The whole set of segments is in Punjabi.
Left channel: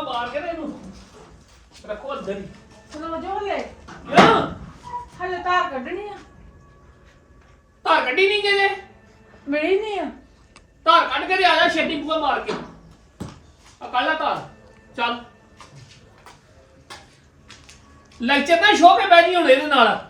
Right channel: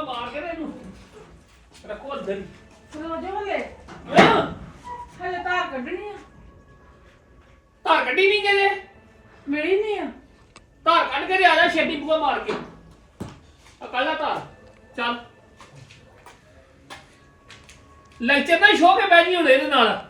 ਬੁੱਕਾ ਮਾਰ ਕੇ ਨਾ ਇਹਨੂੰ। ਰੱਖੋ ਅੰਦਰ ਹੀ। ਸੁਣੋ ਜੋ ਹਲੇ। ਹਲੇ ਤਾਰ ਕੱਢਣੀ ਆ। ਧਾਰ ਕੱਢੀ ਨਹੀਂ ਜੇ ਮਿਲੀ ਨਹੀਂ ਆ। ਧਾਰ ਕੱਢ ਕੇ ਤੇ ਆ ਜਾ ਛੇਤੀ ਬੁੱਕਾ ਮਾਰ ਕੇ। ਆ ਕੱਢ ਲੈ ਧਾਰ। ਚੱਲ। ਲੈਕਚਰ ਨਾ ਸ਼ੋਅ ਕੇ ਬਹਿ ਜੀ ਹੁਣ ਇਹਦੇ ਨਾਲ।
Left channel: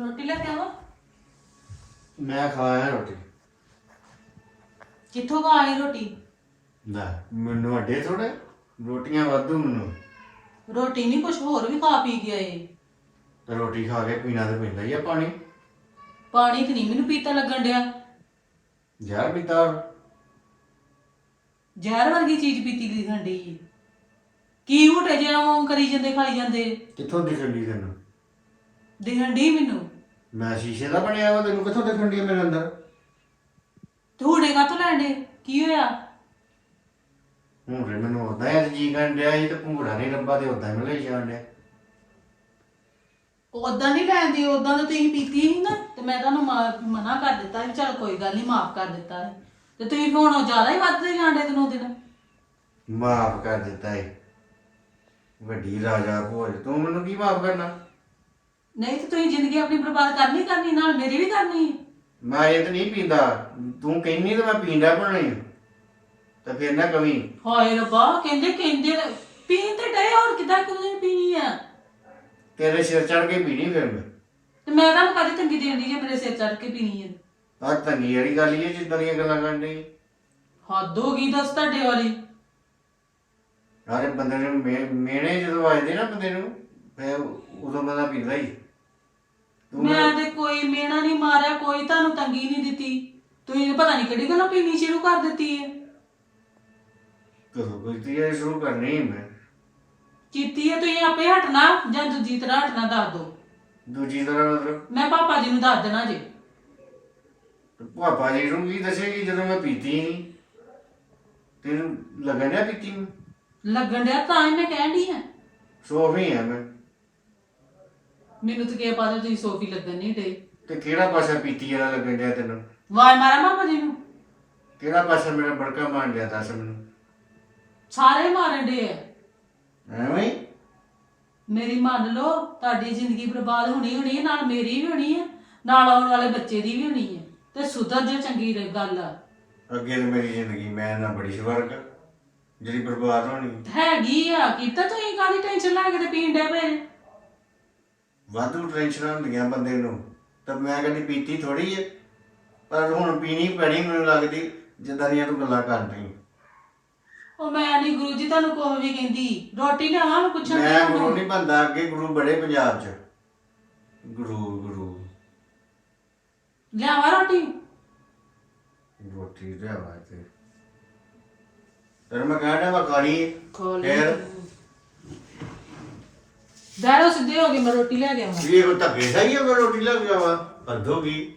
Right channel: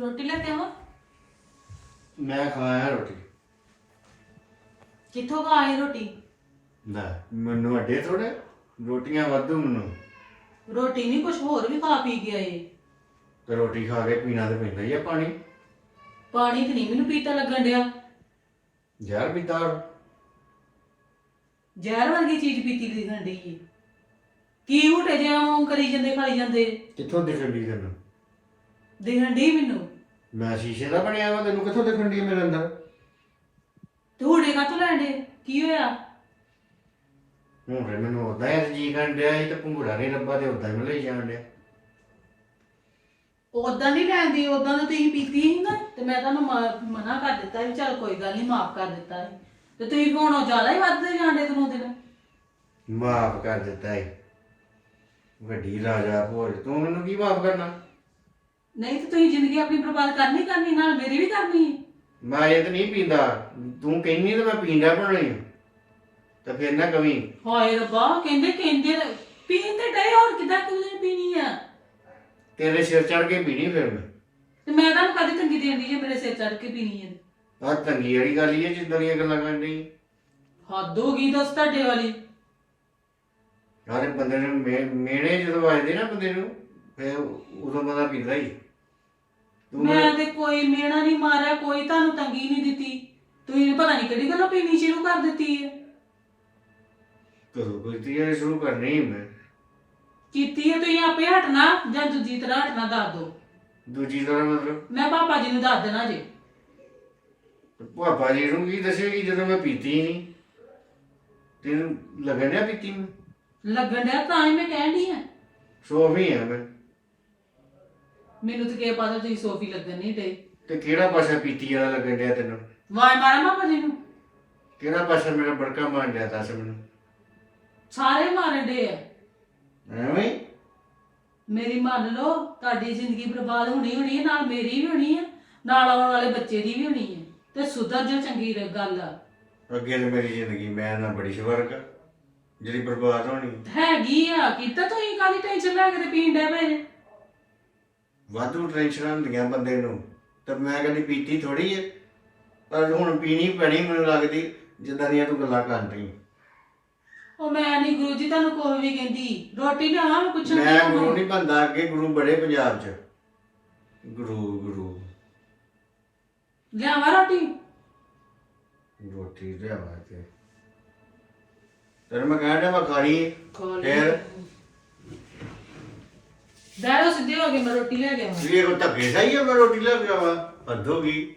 ਰੋਟੀ ਲੈ ਕੇ ਆਵਾਂ? ਮੈਂ ਖਾਇਆ ਰੋਟੀ। ਕਿੱਥੋਂ ਕਾ ਆਈ ਰੋਟੀ? ਲੈ ਮੈਨੂੰ ਅੱਡੇ ਥੋੜੇ ਰੋਟੀਆਂ ਵਾਧੂ ਮੈਨੂੰ। ਰੋਟੀ ਨਹੀਂ ਕੁਝ ਹੋਰ ਵੀ ਖਾ ਪੀ ਗਿਆ ਏ। ਤੇ ਰੋਟੀ ਖਾ ਕੇ ਪੀਣਾ ਤੇ ਪੈਂਦਾ ਹੀ ਆ ਪਾਣੀ। ਪਾਣੀ ਤੇ ਨਹੀਂ ਮੈਨੂੰ ਪੀਤਾ ਲੱਗਣ ਡਿਆ। ਜ਼ਹਿਰ ਪੀਤਾ ਜ਼ਹਿਰ ਵਰਗੀ ਚੀਜ਼ ਪੀਤੀ ਦੀ ਖੰਡੀ ਏ। ਕੀ ਹੁਟੇ ਜੇ ਉਹ ਕਰੀ ਜਾਂਦੇ ਖਾਈ ਜਾਂਦੇ। ਕਿੱਥੋਂ ਦਿਖਣ ਦੀ ਤੈਨੂੰ? ਦਿਖਣ ਡਈ ਮੈਨੂੰ। ਮੈਂ ਸ਼ੀਸ਼ੇ ਦਾ ਬਣਿਆ ਵਾ ਤੈਨੂੰ ਕਿੱਥੋਂ ਦਿਖਣ ਦੀ ਮੇਰੇ ਅੰਦਰ? ਤੇ ਹੁੜੇ ਕਾ ਲੈਣ ਡੇ ਕੀ ਹੋਇਆ? ਹੁਣ ਤੇ ਮੈਨੂੰ ਉਦਾਂ ਹੀ ਅੱਜ ਜੀ ਕਰਨ ਡਿਆ ਸੀ ਤੇ ਭੂੜਾ ਨਹੀਂ ਰੱਬਾ ਤੇ ਉਦਾਂ ਹੀ ਲਈ ਜਾਣ ਡਿਆ। ਉਦਾਂ ਨਹੀਂ ਲੈਂਦੀ ਉਦਾਂ ਤਾਂ ਤੁਸੀਂ ਪੀਤੀ ਸੀ ਨਾ ਤੇ ਮੈਂ ਤੁਹਾਨੂੰ ਮਾ- ਮਨਾ ਕਰ ਦਿੱਤਾ ਵੀ ਚਲ ਕੋਈ ਗੱਲ ਨਹੀਂ ਮਾਫ ਕਰ ਦਿੱਤਾ। ਤੇ ਤੁਸੀਂ ਹੁਣ ਜ਼ਿਆਦਾ ਹੀ ਵੱਧਦੇ ਜਾਂਦੇ ਦਿਨੋਂ ਦਿਨ। ਮਾਫ ਕਰ ਦਿੱਤਾ ਏ ਵੱਡੀ ਰਾਜਾ ਭੋਜ ਤੂੰ ਮੈਨੂੰ ਕੀ ਮਾਫ ਕਰਨਾ? ਨਹੀਂ ਤੇ ਤੁਸੀਂ ਜ਼ਿੰਦਗੀ ਆਪਣੀ ਬਰਬਾਦ ਕਰਨੀ ਕਰਨੀ ਨਾਲ ਮੇਰੀ ਵੀ ਕਰਨੀ। ਮੈਂ ਇਹ ਤੇ ਨਹੀਂ ਪੀਂਦਾ। ਤੂੰ ਕਹਿੰਨੀ ਤੇ ਮੈਂ ਪੀਂਦਾ ਬਣਾਈ ਤਾਂ ਫਿਰ ਨਾ ਕਵੀ। ਹਾਏ ਰੱਬਾ ਕਹਿੰਦੇ ਕਹਿੰਦੇ ਤੇ- ਪੀਣ ਤੇ ਡੇ ਹੋਰ ਕਿਦਾਂ ਕਿਉਂ ਪੀਣੀ ਆ? ਤੇਰੇ ਸਿਰ ਚੜ ਕੇ ਪੀਣੀ ਫਿਰ ਮੈਂ। ਤੇ ਮੈਂ ਤੁਹਾਨੂੰ ਕਦੇ ਤੰਗੀ ਦੇਣ ਦੀ ਜੇ ਮੇਰੇ ਸਿਰ ਚੜ ਕੇ ਪੀਣੀ ਆ? ਤੰਗੀ ਵਾਲੀ ਗੱਲ ਹੀ ਹੈ ਜਿੱਦਾਂ ਦੀਆਂ ਗੱਲਾਂ ਕਰਨ ਹੱਦ ਹੋ ਗਈ ਦੱਸ ਤੁਹਾਡੇ ਵਾਲੀ। ਯਾਰ ਬੰਦੇ ਨੂੰ ਮੇ- ਮੇਣੇ ਜਦੋਂ ਵੱਜਦੇ ਨਾ ਬੰਦੇ ਨੂੰ ਫਿਰ ਉਦੋਂ ਬੰਦਾ ਪੀਂਦਾ ਹੀ। ਤੂੰ ਮੈਂ ਤੇ ਕੋਈ ਮੇਣਾ ਨਹੀਂ ਮਾਰਿਆ ਕੋਈ ਤੁਹਾਨੂੰ ਤੰਗੀ ਨਹੀਂ ਦਿੱਤੀ। ਤੁਸੀਂ ਪਤਾ ਨਹੀਂ ਕਿਹੜੀ ਗੱਲੋਂ ਪੀਣੀ ਸ਼ੁਰੂ ਕਰ ਦਿੱਤੀ ਹੈ। ਕਦੋਂ ਕੋਈ ਤੀਰ ਸ਼ੁਰੂ ਕਰਨੀ ਮੈਂ। ਕੀਤੀ ਹੈ ਤੁਸੀਂ ਆਪੇ ਹਟਣਾ ਜਾਂ ਦੂਜੀ ਤਰ੍ਹਾਂ ਹਟਣਾ ਦੱਸ ਦਿਓ। ਦੂਜੀ ਤਰ੍ਹਾਂ ਮਤਲਬ? ਮੈਂ ਪਾਪਾ ਜੀ ਨੂੰ ਦੱਸ ਦੇਣਾ ਜੇ। ਪਾਪਾ ਜੀ ਨੂੰ ਕੀ ਦੱਸੇਗੀ ਜਦੋਂ ਮੈਂ ਪੀਤੀ ਨਹੀਂ। ਤੈਨੂੰ ਲੱਗਣ ਡਿਆ ਪੀਤੀ ਮੈਂ ਲੱਗਣ ਡਿਆ ਤਾਂ ਹੀ ਮੈਂ ਕਹਿਣ ਡਈ ਆ ਸੋਫੀ ਆ ਮੈਂ। ਮੈਨੂੰ ਤੇ ਕੀ ਪਤਾ ਤੁਸੀਂ ਸੋਫੀ ਲੱਗਣ ਨਹੀਂ ਡੇ ਤੇ ਕਿਹੜਾ ਪਾਸਾ ਪੀਤੀ ਵਾਲਾ ਲੱਗਣ ਡਿਆ ਤੈਨੂੰ? ਵਾਰ ਮਾਰਾ ਪਾਪਾ ਜੀ ਨੂੰ? ਕਿਹੜਾ ਪਾਸਾ ਮੇਰਾ ਬੜਕਾ ਮਾਰ ਡਿਆ ਦੱਸ ਮੈਨੂੰ? ਸਾਰੇ ਮਾਰਨ ਡੇ ਆ। ਐਵੇਂ ਹੀ? ਮੇਰੀ ਮੰਨ ਲਓ ਤੁਹਾਡੀ ਜ਼ਿੰਦਗੀ ਬਰਬਾਦ ਹੋਣੀ ਹੋਣੀ ਹੈ ਨਾਲ ਮੇਰੀ ਵੀ ਹੋਣੀ ਹੈ ਨਾਲ ਆਉਣ ਵਾਲੇ ਬੱਚੇ ਦੀ ਵੀ ਹੋਣੀ ਹੈ ਤੇ ਸੁਧਰ ਜਾ ਚੰਗੀ ਰ- ਗੱਲ ਆ। ਅੱਗੇ ਤੇ ਮੇਰੀ ਜ਼ਿੰਦਗੀ ਮੈਂ ਨਾ ਬੜੀ ਸਵਰਗ ਜਿਹੜੀ ਬਰਬਾਦ ਹੋਣੀ। ਹੈਗੀ ਆ ਕੀਤਾ ਤੁਸੀਂ ਕਾਹਦੀ ਟੈਨਸ਼ਨ ਲੈ ਕੇ ਤੇ ਪੀਣ ਡੇ ਪਏ? ਵਾਧੂ ਟੈਨਸ਼ਨਾਂ ਹੁੰਦੀਆਂ ਬੰਦੇ ਨੂੰ। ਤਾਂ ਮੈਂ ਕਹਿੰਦੀ ਪੀਤੀ ਥੋੜੀ ਏ ਪਰ ਹੁਣ ਪੀਣੀ ਪੈਣੀ ਮੈਨੂੰ ਲੱਗਦੀ ਜਿੱਦਾਂ ਦੀਆਂ ਤੂੰ ਗੱਲਾਂ ਕਰ ਰਹੀ ਉਹ ਮੈਂ ਨਹੀਂ ਗੁਰੂ ਜੀ ਤੁਹਾਨੂੰ ਕੋਈ ਵੀ ਕਹਿੰਦੀ। ਰੋਟੀ ਮੈਂ ਪੁੱਛਣ ਮੈਂ ਗੁਰੂ ਹਾਂ। ਨਹੀਂ ਬੰਦਾ ਅੱਗੇ ਗੁਰੂ ਬੜੇ ਪੰਜਾਬ 'ਚ। ਗੁਰੂ ਗੁਰੂ। ਲਿਆਵਾਂ ਰੋਟੀ? ਰੋਟੀ ਲਿਆਵਾ ਤੇ ਤੇਰੇ ਮੈਂ ਕਹਿ ਰਿਹਾ ਮੈਂ ਖਾਣੀ ਖੋਲ ਫਿਰ ਬੈਰੋ ਸਿੱਧੇ ਹੋ ਗਏ ਮੈਂ ਰੋਟੀ ਲਿਆ ਦੇਵਾਂ ਵੀ ਇਹ ਕੋ ਧੱਕੇ ਸਹੀ ਹੈ ਮੈਂ ਰੋਟੀ ਲੈ ਕੇ ਹੱਦ ਹੋ ਗਈ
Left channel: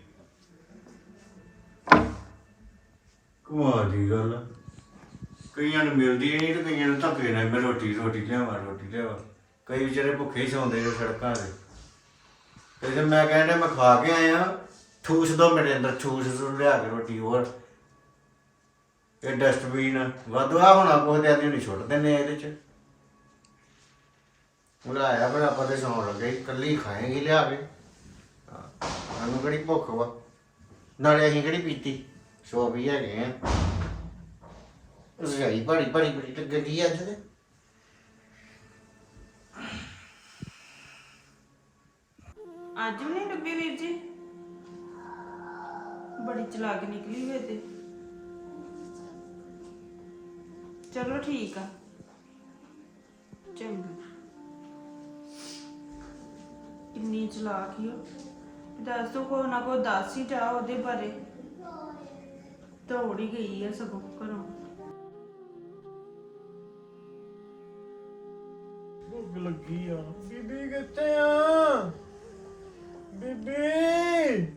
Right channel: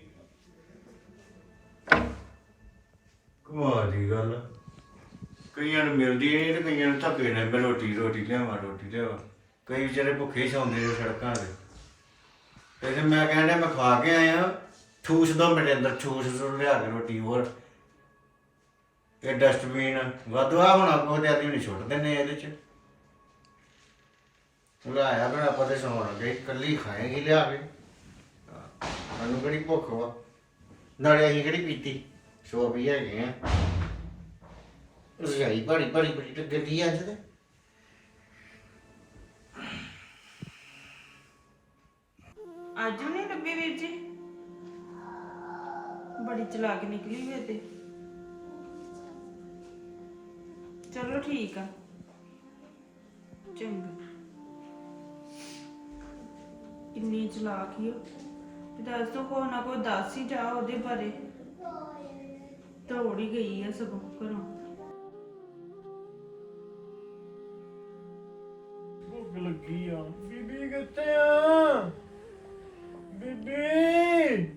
ਕਮਾਲ ਦੀ ਗੱਲ ਆ। ਕਈਆਂ ਨੂੰ ਮਿਲਦੀ ਨਹੀਂ ਤੇ ਕਈਆਂ ਨੂੰ ਧੱਕੇ ਨਾਲ ਮੈਂ ਰੋਟੀ ਰੋਟੀ ਲਿਆਵਾਂ ਰੋਟੀ ਲਿਆਵਾਂ। ਕਈ ਵਿਚਾਰੇ ਭੁੱਖੇ ਹੀ ਸੌਂਦੇ ਜੋ ਸੜਕਾਂ ਤੇ। ਤੇ ਜੇ ਮੈਂ ਕਹਿੰਦਾ ਮੈਂ ਖਾ ਕੇ ਆਇਆ। ਠੂਸ ਦੋ ਮੇਰੇ ਅੰਦਰ ਠੂਸ ਜ਼ਰੂਰ ਲਿਆ ਕੇ ਰੋਟੀ ਹੋਰ। ਇਹ ਡਸਟਬਿਨ ਵਾਧਵਾ ਹੋਣਾ ਕੋਈ ਤੇ ਆਦਮੀ ਨੂੰ ਛੁੱਟ ਦਿੰਦੇ ਆ ਇਹਦੇ ਚ। ਲਾਇਆ ਫਿਰ ਆਪਾਂ ਤੇ ਸੌਣ ਲੱਗੇ ਇਕੱਲੀ ਖਾਏਗੀ ਲਿਆ ਕੇ। ਹਾਂ, ਸਾਨੂੰ ਕਿਹੜੀ ਭੁੱਖ ਵਾ? ਨਾਲੇ ਅਸੀਂ ਕਿਹੜੀ ਪੀਤੀ? ਸੋ ਵੀ ਹੈਗੇ ਆ। ਰਜਾਈ ਬੜੀ ਬੜੀ ਬੜੀ ਟੱਗਦੀ ਅੱਜ ਤੇ। ਅੱਜ ਵੀ ਨਹੀਂ ਲੱਭੀ ਵੀਰ ਜੀ? ਬੜੀ ਚਲਾਕ ਨਿਕਲੀ ਵੇ ਤੇ। ਚਲੋ ਠੀਕ ਆ। ਚੰਗਾ। ਕਿੰਨੀ ਚਲਾਕ ਹੀ ਉਹ ਦੱਸ ਦੋ ਕੋ ਨਾ ਕੋ ਦੱਸ ਹੀ ਜਾ ਉਹਦੇ ਬਾਰੇ। ਦੌੜ ਹੀ ਗਈ ਆ ਸਗੋਂ ਘਰੋਂ। ਭੁੱਖ ਲੱਗੀ ਆ। ਬੀਬੀ ਕਿੱਥੇ ਆ? ਬੀਬੀ!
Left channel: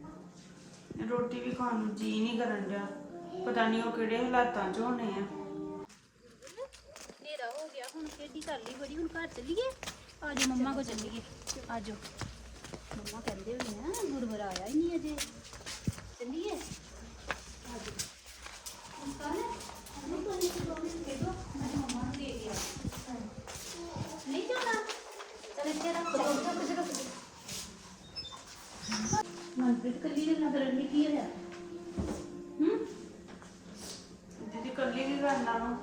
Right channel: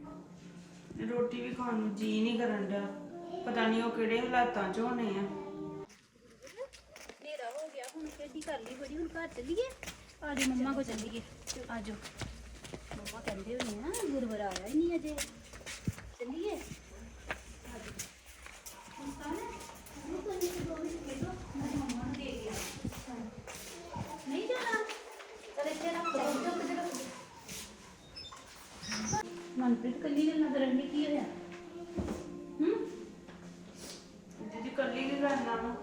ਰੋਟੀ ਵੀ ਖਾਣ ਨੂੰ ਜੀ ਨਹੀਂ ਕਰਨ ਡਿਆ। ਪਤਾ ਨਹੀਂ ਉਹ ਕਿਹੜੇ ਹਾਲਾਤਾਂ 'ਚ ਹੋਣੇ ਆ। ਹਨੇਰਾ ਹੋ ਗਿਆ ਹੁਣ ਖੇਡੀ ਕਰ ਲਈ ਬੜੀ ਹੁਣ ਘਰ ਚੱਲੀਏ। ਆਜੋ ਮੰਮਾ ਕੋ ਚੱਲੀਏ। ਆਜੋ ਮੰਮਾ ਕਹਿੰਦੇ ਹੋਣੇ ਆ ਗੁਰਵਰ ਆਇਆ ਹੀ ਨਹੀਂ ਅਜੇ। ਚੱਲੀਏ? ਕੱਲ ਨੂੰ ਕੋਈ ਨਹੀਂ ਦੋ ਮਿੰਟ ਖੇਡੋ ਮੈਂ ਮੰਮਾ ਨੂੰ ਦੇ ਗਿਆ ਨਹੀਂ ਜਾਣਾ? ਚਲ ਇੱਥੇ ਰੱਖ ਦੋ ਮਨਪ੍ਰੀਤ ਕੱਲੀ ਗੱਲਾਂ ਕਰਨ ਲਈ ਕੀ ਹੋਇਆ? ਹੂੰ? ਜਿਹਦੀ ਕੱਲੀ ਕਰਨਾ ਵਾ।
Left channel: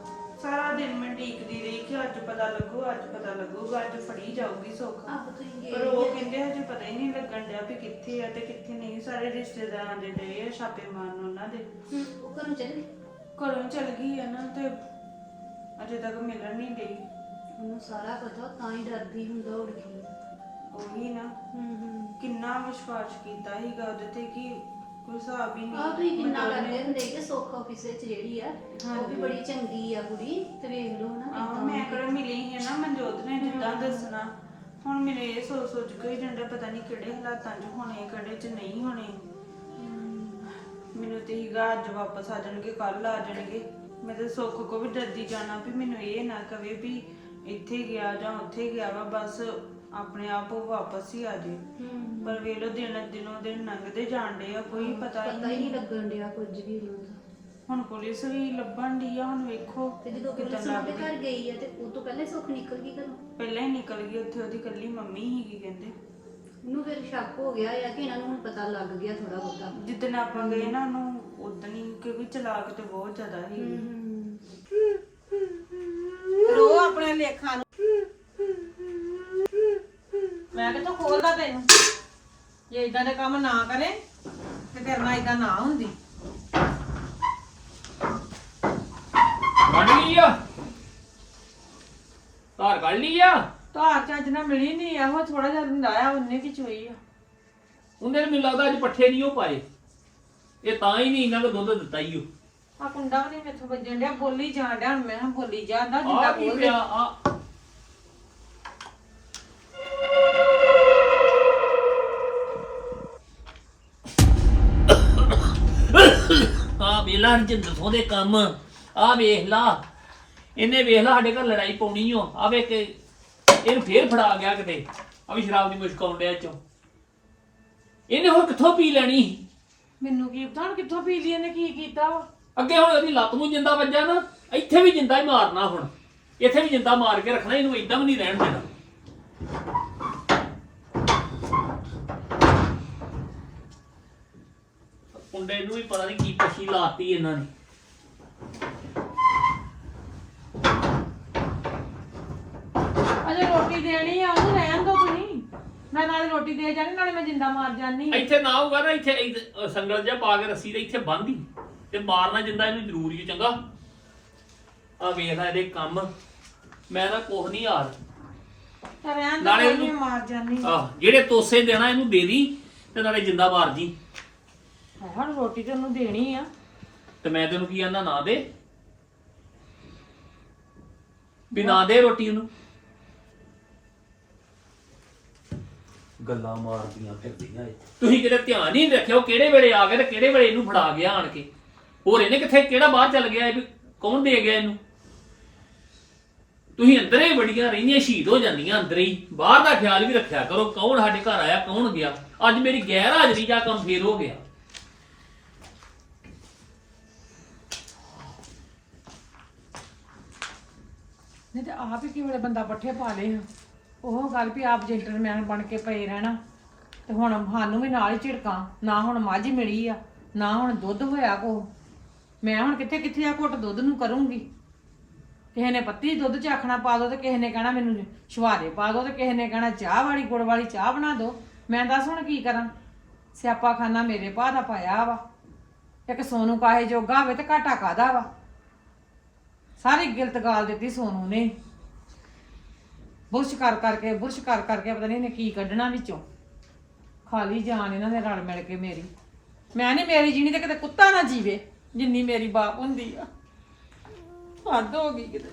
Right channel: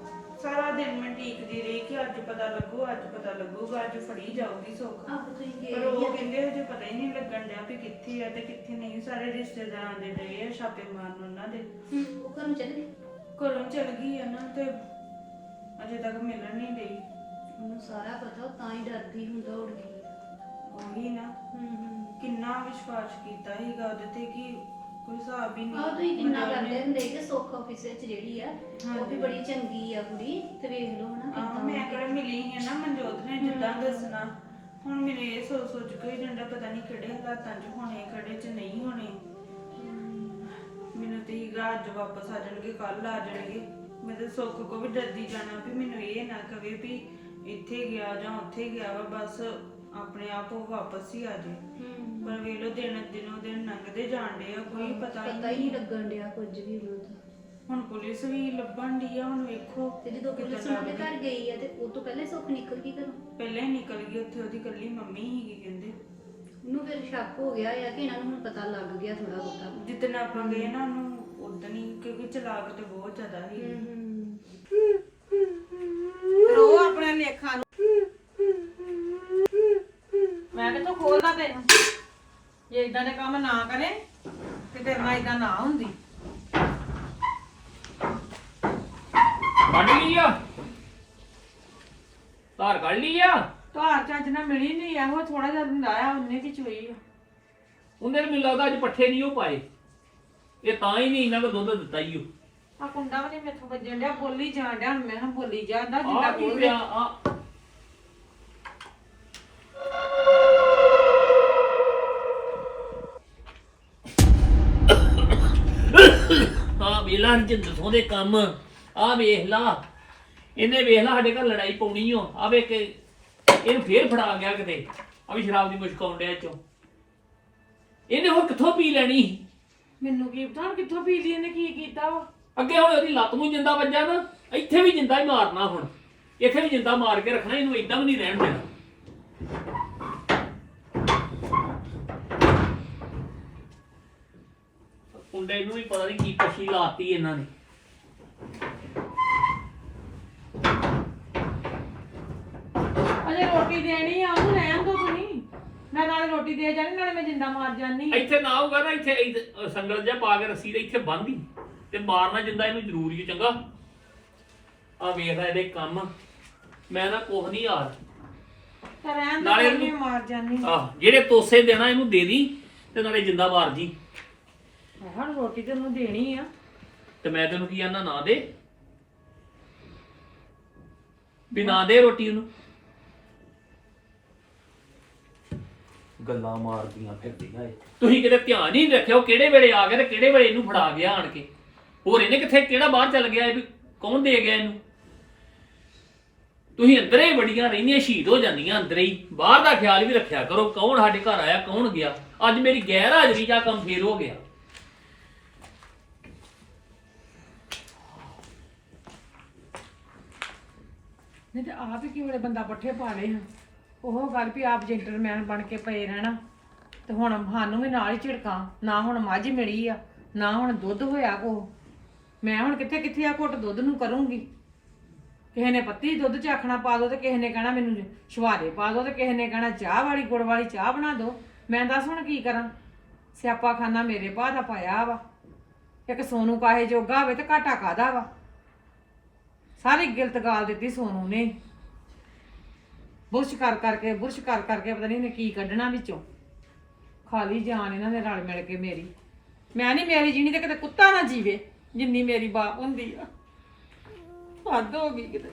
ਸਾਰਾ ਦਿਨ ਮੈਂ ਡੀਕਦੀ ਰਹੀ ਕਿ ਅੱਜ ਪਤਾ ਲੱਗੂ ਅੱਜ ਪਤਾ ਲੱਗੂਗਾ ਅੱਜ ਫੜੀ ਜਾਊਗੀ ਸੁੱਖ। ਆਪ ਤੁਸੀਂ ਗਏ ਪਰ ਉਹ ਕਹਿੰਦੇ ਹਜੇ ਪਤਾ ਹੀ ਨਹੀਂ ਲੱਗਣ ਡਿਆ ਵੀ ਕਿੱਥੇ ਆ ਤੇ ਕਿੱਥੇ ਨਹੀਂ। ਸਾਰੇ ਰਿਸ਼ਤੇਦਾਰਾਂ ਦੇ ਡਏ ਆ ਛਾਪੇ ਮਾਰਨ ਉਹਨਾਂ ਦੇ। ਹੂੰ ਉਹ ਘਰੋਂ ਚੱਲ ਗਏ? ਘਰੋਂ ਚਲ ਗਈ ਆ ਨਾ ਤੇ ਅਜੇ ਤੱਕ ਮਿਲਣ ਨਹੀਂ ਡਈ। ਉਹਨੂੰ ਸਾਰਾ ਪਤਾ ਉਹ ਤਾਂ ਹੀ ਡਰਦੀ ਹੁੰਦਾ ਉੜ ਗਈ ਉਹੀ ਨਾ। ਹੂੰ ਹੂੰ। ਕਿੰਨਾ ਵਿਸ਼ਵਾਸ ਕੀਤਾ ਸੀਗਾ ਉਹਦੇ ਤੇ ਕਿ ਕੋਈ ਹਿਸਾਬ ਹੀ ਨਹੀਂ ਆ ਤੁਸੀਂ ਕਿੰਨਾ ਕਰਦੇ ਹੁੰਦੇ ਜੇ ਸੁੱਖ ਆਫਿਸ ਵਿੱਚ ਜਿਹੜੀ ਆ ਉਹ ਵੀ ਬੜੀ ਚੰਗੀ ਆ ਕੁੜੀ ਤੇ ਵੇਖ ਲਓ ਹਨਾ ਆਹ ਕਿੱਦਾਂ ਮੈਂ ਕਿਹੜਾ ਮਿਲੀ ਸੀ ਨਾ ਮਨਜੋਤ ਨੇ ਜਿੱਦਾਂ ਦੱਸਣਾ। ਹੁਣ ਮੈਨੂੰ ਇਹ ਸੋਚ ਸੋਚ ਕੇ ਹੀ ਪਤਾ ਨਹੀਂ ਕਿਹੜੇ ਹਾਲਾਤਾਂ 'ਚ ਹੋਣੇ ਕਿਹੜੇ 'ਚ ਨਹੀਂ ਹੋਣੇ। ਮੈਨੂੰ ਤੇ ਹੀਗਾ ਅੱਜ ਵਾਪਸ ਆ ਜਾਣਗੇ ਕੱਲ ਆ ਜਾਣਗੇ। ਮੈਂ ਤਾਂ ਸੁੱਖ ਕੋ ਵੀ ਡਰਦੀ ਜਾਣਾ ਵੀ ਮੈਨੂੰ ਇਹ ਨਾ ਕਵੇ ਵੀ ਇੱਥੇ ਗਿਆ ਜਾਂ ਉੱਥੇ ਗਿਆ ਵਾ ਬਸ ਆਪਣੇ ਆਪ ਉਹ ਵਾਪਸ ਹੀ ਆ ਜੇ। ਹੂੰ। ਪਰ ਵੇਲੋ ਦਿਨ ਦਿਨੋਂ ਦਿਨ ਲੰਘਦੇ ਜਾਣਦੇ ਆ ਕੋਈ ਪਤਾ ਪਤਾ ਹੀ ਨਹੀਂ। ਲੱਗਣ ਡਿਆ ਕੁਝ ਵੀ ਉਹਨਾਂ ਦਾ ਹੁਣ ਪੁਲਿਸ ਵੀ ਲੱਭਣ ਦੀ ਆ ਹੁਣ ਵੇਖੋ ਤੇ ਜਦੋਂ ਪੁਲਿਸ ਉਹਨਾਂ ਦੇ ਘਰ ਗਈ ਆ ਤੇ ਉਹ ਤੋਂ ਪਹਿਲਾਂ ਹੀ ਸੁੱਖ ਨਿਕਲ ਗਈ ਘਰੋਂ? ਪਹਿਲਾਂ ਹੀ ਨਿਕਲ ਗਈ ਉੱਥੇ ਉਹਦੀ ਕੱਲੀ ਮੰਮੀ ਹੀਗੀ ਕਹਿੰਦੇ। ਉਹਨੂੰ ਫਿਰ ਸ਼ੱਕ ਹੋ ਗਿਆ ਆ ਕਿ ਇਹਨਾਂ ਨੂੰ ਹੁਣ ਪਤਾ ਲੱਗ ਗਿਆ ਥੋੜਾ ਬਹੁਤਾ? ਜਿੱਦਣ ਆਪਾਂ ਗਏ ਨਾ ਉਹਨੂੰ ਉਦੋਂ ਹੀ ਕਿਉਂਕਿ ਚਲਾਕ ਤੇ ਬਹੁਤ ਜ਼ਿਆਦਾ ਸੀ। ਰੋ ਆਪਣੇ ਲੇਖਾਂ ਨੂੰ ਮੈਂ ਕਿਥੋਂ ਖੋਲਦਾ ਤੈਨੂੰ ਜੇ ਇਦਾਂ ਦੇ ਕੰਮ ਨਾ ਕਰੇ ਤੇ ਤੇਰੇ ਨਾਲ ਇਦਾਂ ਨਾ ਹੁੰਦੀ। ਕੱਢ ਲਈ ਆ। ਧਾਰ ਕੱਢ ਲਈ ਆ। ਧਾਰ ਚੱਜ ਨਾਲ ਮਿਲੀ ਨਹੀਂ ਇਹੋ ਥੋੜਾ ਜਿਹਾ ਲਾਇਆ ਉਹਨੇ ਕੀ ਚੋਈ ਆ। ਉਹਨੇ ਮੈਨੂੰ ਲੱਗਦਾ ਅੱਜ ਪੱਠੇ ਨਹੀਂ ਉਹ ਪਾਏ। ਇਹ ਤਾਂ ਹੀ ਨਹੀਂ ਇਹਨਾਂ ਕੋ ਦੁੱਧ ਦਿੱਤਾ ਹੀ ਉਹ ਆ ਕੁੰਡਾ ਵੀ ਨਹੀਂ ਮੈਥੋਂ ਵੱਜਣ ਡਿਆ ਬੋਲੀ ਜਾਣ ਡਿਆ ਹੁਣ ਮੈਂ ਕਿਹਾ ਬੋਲੀ ਜਾਂਦਾ ਜਿੰਦਾ ਆ ਕੀ ਬੋਲ ਪਿਆ? ਆ ਵੇਲਾ ਰਜਿੰਦਰ ਸਿੰਘ ਦੇ ਕੰਮ। ਆ ਵੇਖ ਲਾ। ਇਹਨੇ ਵੇਖ ਲਾ ਸਾਡੇ ਘਰ ਲੜਾਈ ਪਾਉਣੀ ਓ। ਆ ਵੇ ਕਿ ਇਹਨੂੰ ਫੇਰ ਫੜਾ ਗਿਆ ਕਿਤੇ। ਆ ਵੀ ਸ਼ਰਾਬ ਦੀ ਮੁਸ਼ਕ ਆਉਂਦਿਆ ਚੋਂ। ਇਹਨੇ ਹੋਰ ਕਿੱਥੋਂ ਪੀ ਲੈਣੀ? ਸੀ? ਮੈਨੂੰ ਕੀ ਪਤਾ ਹੁਣ ਕਿੱਥੋਂ ਪੀ ਲਈ ਇਹਨੇ ਕੀ ਕੀਤਾ ਵਾ? ਅੱਗੇ ਹੁਣ ਉਹਦੀ ਲੱਤ ਨੂੰ ਜਿੰਦਾ ਵੱਜਾ ਨਾ ਇੱਥੇ ਵੀ ਜਿੰਦਾ ਹੀ ਮਾਰਨਾ ਹੁਣ। ਇੱਥੇ ਵੀ ਜਿੰਦਾ ਮਾਰ ਕੇ ਰੱਖਣਾ ਇਹਨੂੰ ਇਦਾਂ ਵੀ ਨਹੀਂ ਰਹਿਣ ਦੇਣਾ। ਕੁੰਡੇ ਨੂੰ ਵੀ ਪਤਾ ਨਹੀਂ ਕੀ ਪਛੀ ਲਾਤੀ ਇਹਨਾਂ ਨੇ। ਅਜੇ ਰੋਟੀ ਦੇਣੀ ਆ ਉਹਨੂੰ ਰਹਿਣ ਦੋ ਤੁਸੀਂ। ਮੈਂ ਨਾਲੇ ਰੋਟੀ ਦੇ ਜਾਣੀ ਨਾਲੇ ਮੈਂ ਜਿੰਦਾ ਮਾਰ ਜਾਨੀ ਇੱਥੇ ਨਾ ਹੋਊਗਾ ਨਾ ਇੱਥੇ ਸੰਗਲ ਜਿਹਾ ਪਾ ਕੇ ਰੱਸੀ ਦੇ ਇੱਥੇ ਬੰਨ੍ਹਦੀ ਤੇ ਮਾਰਨਾ ਜਿੰਦਾ ਇਹਨੂੰ ਜ਼ਰੂਰੀ ਹੈ ਚੰਗਾ? ਆ ਵੇਖਦਾ ਇਹਦੇ ਕੰਮ। ਮੈਂ ਨਾ ਕੁਛ ਨਹੀਂ ਹਾਲ ਤਾਂ ਰਹਿਣ ਦੋ ਨਾਲੇ ਮਾਰ ਜਾਨੀ ਆਹ ਜਿਹੜੇ ਤੋਸੇ ਦੇਣਾ ਇਹਨੂੰ ਦੇ ਦੀ ਤੇ ਨਾਲੇ ਜਿੰਦਾ ਮਾਰ ਜੀ ਹੁਣ ਰੋਟੀ ਤੇ ਉਹਨੂੰ ਦੇਣੀ ਆ। ਤੇ ਮੈਂ ਤੈਨੂੰ ਕੀ ਆਂਦਾ ਨਾ ਦੇ। ਵੀ ਨਾ ਦੇ ਰੋਟੀ ਉਹਨੂੰ। ਗੱਲਾਂ ਮਾਰਦੀਆਂ ਫਿਰਦੀਆਂ ਏ ਤੁਸੀਂ ਕਿਤੇ ਧਿਆਨ ਹੀ ਨਹੀਂ ਰੱਖਿਆ ਉਹ ਕਿਹੜੇ ਵੇਲੇ ਆ ਗਿਆ ਤੇ ਕਿਹੜੇ ਵੇਲੇ ਇਹਨੂੰ ਫੜਾ ਗਿਆ ਆਣ ਕੇ। ਹੋਰ ਇਹਨੇ ਕਿੱਥੇ ਕਿਹੜਾ ਬਾਹਰ ਚੱਲ ਗਿਆ ਇਹ ਵੀ? ਕੌਣ ਦੇ ਗਿਆ ਇਹਨੂੰ? ਤੁਸੀਂ ਅੰਦਰੇ ਹੀ ਬੜੀਆਂ ਰਹਿੰਦੀਆਂ ਸ਼ਹੀਦ ਹੋ ਜਾਂਦੀਆਂ ਅੰਦਰੇ ਹੀ। ਬਾਹਰ ਦਾ ਖਿਆਲ ਵੀ ਰੱਖਿਆ ਕਰੋ ਕੌਣ ਸਾਡੇ ਘਰ ਆਇਆ ਕੌਣ ਗਿਆ। ਅੱਜ ਮੇਰੀ ਗੈਰ ਹਾਜ਼ਰੀ ਦਾ ਕੰਮ ਫੇਰ ਹੋ ਗਿਆ। ਨਹੀਂ ਤੇ ਆਪ ਹੀ ਕਿਵੇਂ ਬੰਦਾ ਪੱਠੇ ਪਾ ਲਏ ਹਾਂ ਉਹ ਗੱਲ ਵੀ ਆਪ ਜੈਂਟਲਮੈਨ ਬਣ ਕੇ ਪਏ ਰਹਿਣਾ। ਤੇ ਹੁਣ ਸਾਨੂੰ ਵੀ ਨਾਲ ਹੀ ਝਿੜਕਾਂ, ਨਾ ਹੁਣ ਮੱਝ ਮਿਲੀ ਆ, ਨਾ ਹੁਣ ਦੁੱਧ ਹੋਇਆ ਕੋ ਮੈਂ ਹੁਣ ਕਿੱਥੇ ਕਿੱਥੇ ਆ ਘੁੱਟ ਦੁੱਧ ਨੂੰ ਕਰੂੰਗੀ? ਕਿਸੇ ਨੇ ਪੱਤੀ ਦੁੱਧ ਚ ਆਖਣਾ ਪਾ ਦੋ ਤੇ ਕਿਸੇ ਨੇ ਕਹਿਣਾ ਮੈਨੂੰ ਛੁਹਾਰੇ ਪਾ ਦੋ ਤੇ ਕਿਸੇ ਨੇ ਕਹਿਣਾ ਚਾਹ ਵਾਲੀ, ਗੁੜ ਵਾਲੀ ਚਾਹ ਬਣਾ ਦੋ। ਮੈਂ ਦੱਸ ਹੁਣ ਕੀ ਕਰਾਂ? ਸਿਆਪਾ ਖਾਨਾ ਮੇਰੇ ਭਾ ਦਾ ਪਾਇਆ ਵਾ। ਇੱਕ ਸੋਨੂੰ ਕਾਹੇ ਜੋਗਾ ਹੋਵੇ ਤੇ ਘਾਟਾ ਕਾਦਾ ਵਾ? ਸਾਰੀ ਗਿਲਤ ਗਾਲ ਦਿੱਤੀ ਸੋਨੂ ਨੇ। ਬੁਰਸ਼ ਕਰ ਕਰਕੇ ਬੁਰਸ਼ ਕਰ ਕਰਕੇ ਪਤਾ ਨਹੀਂ ਇਹਨੇ ਕੀ ਕੱਢਣਾ ਵਿੱਚੋਂ। ਖਾਲੀ ਜਾਨ ਇਹਨਾਂ ਨੇ ਰਲ ਮਿਲ ਕੇ ਮੇਰੀ। ਮੈਂ ਨਹੀਂ ਮੇਰੀ ਜੀਣੀ ਤੇ ਕਿਤੇ ਕੁੱਤਾ ਨਾ ਜੀਵੇ ਜਿੰਨੀ ਮੇਰੀ ਬਾਪ ਹੁੰਦੀ ਆ। ਹੱਦ ਹੋ ਗਈ ਕਿਤੇ।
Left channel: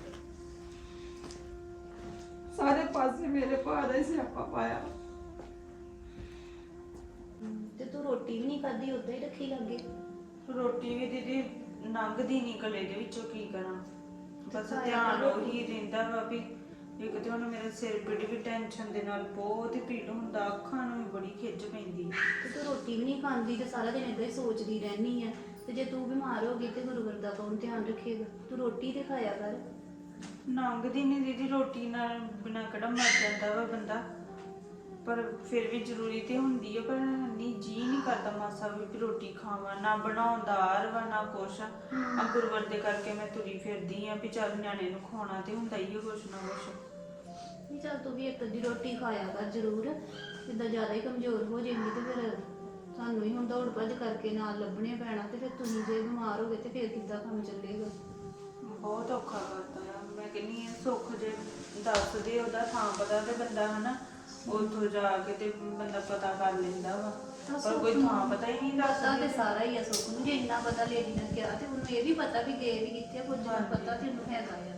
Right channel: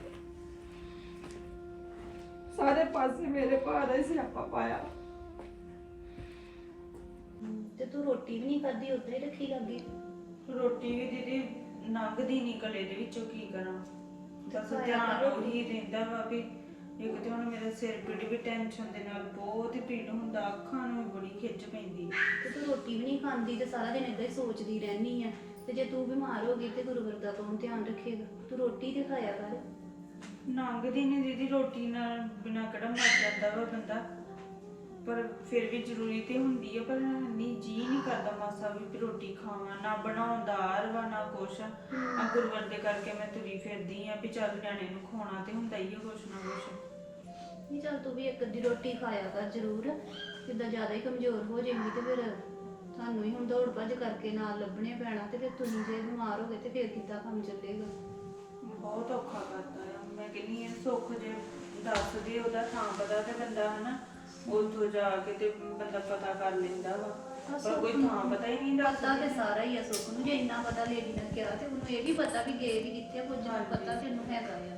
ਸਾਰੇ ਪਾਸੇ ਮੇਰੇ ਭਾ ਦਾ ਹੀ ਸਿਆਪਾ ਪਾਇਆ। ਤੇ ਤੂੰ ਰੋਟੀ ਵੀ ਨਹੀਂ ਖਾਧੀ ਉਦਾਂ ਹੀ ਰੱਖੀ ਲੱਗੇ। ਰੋਟੀ ਵੀ ਦੀਦੀ ਲੰਘਦੀ ਨਹੀਂ ਗਲੇ ਦੇ ਵਿੱਚੋਂ ਕੀ ਕਰਾਂ? ਬਸ ਧਿਆਨ ਉਹੀ ਰਹਿੰਦਾ ਵਾ ਵੀ ਇੱਕ ਤੇ ਹੁਣ ਮੇਰਾ ਸਿਰ ਪੀੜ ਵੀ ਟੈਨਸ਼ਨ ਦੇ ਨਾਲ ਬਹੁਤ ਹੀ ਪੀੜ ਹੁੰਦਾ ਅੱਖਾਂ ਨੂੰ ਵੀ ਬੜੀ ਖਿੱਚ ਪੈਂਦੀ। ਤੇ ਤੂੰ ਰੋਟੀ ਵੀ ਨਹੀਂ ਖਾਂਦੀ ਤੇ ਸਾਰਾ ਦਿਨ ਏਦਾਂ ਹੀ ਸੋਚਦੀ ਰਹਿਨੀ ਆ। ਤੇ ਜੇ ਤੂੰ ਬਿਮਾਰ ਹੋ ਗਈ ਤੇ ਗੁਰੂਵਰ ਦਾ ਕੌਣ ਧਿਆਨ ਰੱਖੇਗਾ? ਤੂੰ ਰੋਟੀ ਤੇ ਖਾਇਆ ਕਰ। ਲੰਘਦੀ ਨਹੀਂ ਦੀਦੀ ਰੋਟੀ ਨਾਲ ਬਿਨਾ ਕਿਹੜਾ ਮਰ ਜਾਂਦਾ ਵਾ ਬੰਦਾ। ਪਰ ਫਿਰ ਵੀ ਜ਼ਰੂਰੀ ਤੇ ਹੁੰਦੀ ਹੈ ਪਰ ਨਹੀਂ ਜੀ ਨਹੀਂ ਕਰਦਾ ਮਾਸਾ ਵੀ ਵੀ ਰੋਟੀ ਖਾਵਾਂ ਨਾ ਆਰ ਵਾ ਨਾ ਕੁਛ। ਆ ਗੁਰਵਰ ਦੇ ਕਰਕੇ ਮੈਂ ਤੁਰੀ ਫਿਰਦੀ ਆ ਵੀ ਚੱਲ ਨਿਆਣੇ ਨੂੰ ਖਵਾਉਣਾ ਤੇ ਹੁੰਦਾ ਹੀ ਆ ਕੁਛ ਨਾ ਕੁਛ। ਨਹੀਂ ਚੱਲ ਤੂੰ ਵੀ ਇੱਕ ਅੱਧੀ ਰੋਟੀ ਖਾਇਆ ਕਰ ਜ਼ਰੂਰ। ਜਿੱਦਾਂ ਜ਼ਿਆਦਾ ਹੀ ਕਮਜ਼ੋਰ ਹੋ ਜਾਏਂਗੀ ਤੇ ਫਿਰ ਤੁਹਾਨੂੰ ਹੀ ਹੁਣ ਦੌੜ ਭੱਜ ਕਰਕੇ ਨਾਲ ਲੱਭਣੇ ਪੈਣਾ ਤੇ ਫਿਰ ਤੁਸੀਂ ਜੇ ਬਿਮਾਰ ਹੋ ਗਏ ਤੇ ਫਿਰ ਕਿੱਦਾਂ ਕੰਮ ਚੱਲੇਗਾ? ਬਹੁਤ ਔਖਾ ਕਰਦਾ ਆ। ਮੈਂ ਕਹਿੰਨੀ ਆ ਸੁੱਖ ਜੇ ਦੱਸ ਦੇ ਉਹਦਾ ਥਾਂ ਪਤਾ ਤੇ ਬੰਦਾ ਹਨਾ। ਉੱਥੋਂ ਜਾ ਕੇ ਤੇ ਬੰਦਾ ਪਤਾ ਕਰ ਲੈਂਦਾ ਵਾ। ਪਰ ਕੋਈ ਥਾਂ ਪਤਾ ਹੀ ਨਹੀਂ ਪਤਾ ਦੱਸਦਾ ਤੇ ਸਾਰਾ ਹੀ ਆ ਸੁੱਖ ਨੂੰ ਜੇ ਇੰਨਾ ਪਤਾ ਲੇਡੀ ਨੇ ਕਿਹਾ ਤੇ ਉਹਨੂੰ ਇਹ ਵੀ ਪਤਾ ਵੀ ਗਏ ਵੀ ਕਿੱਥੇ ਨਾ ਪਤਾ ਤੇ ਉਹਨੂੰ ਹੈਗਾ ਆ।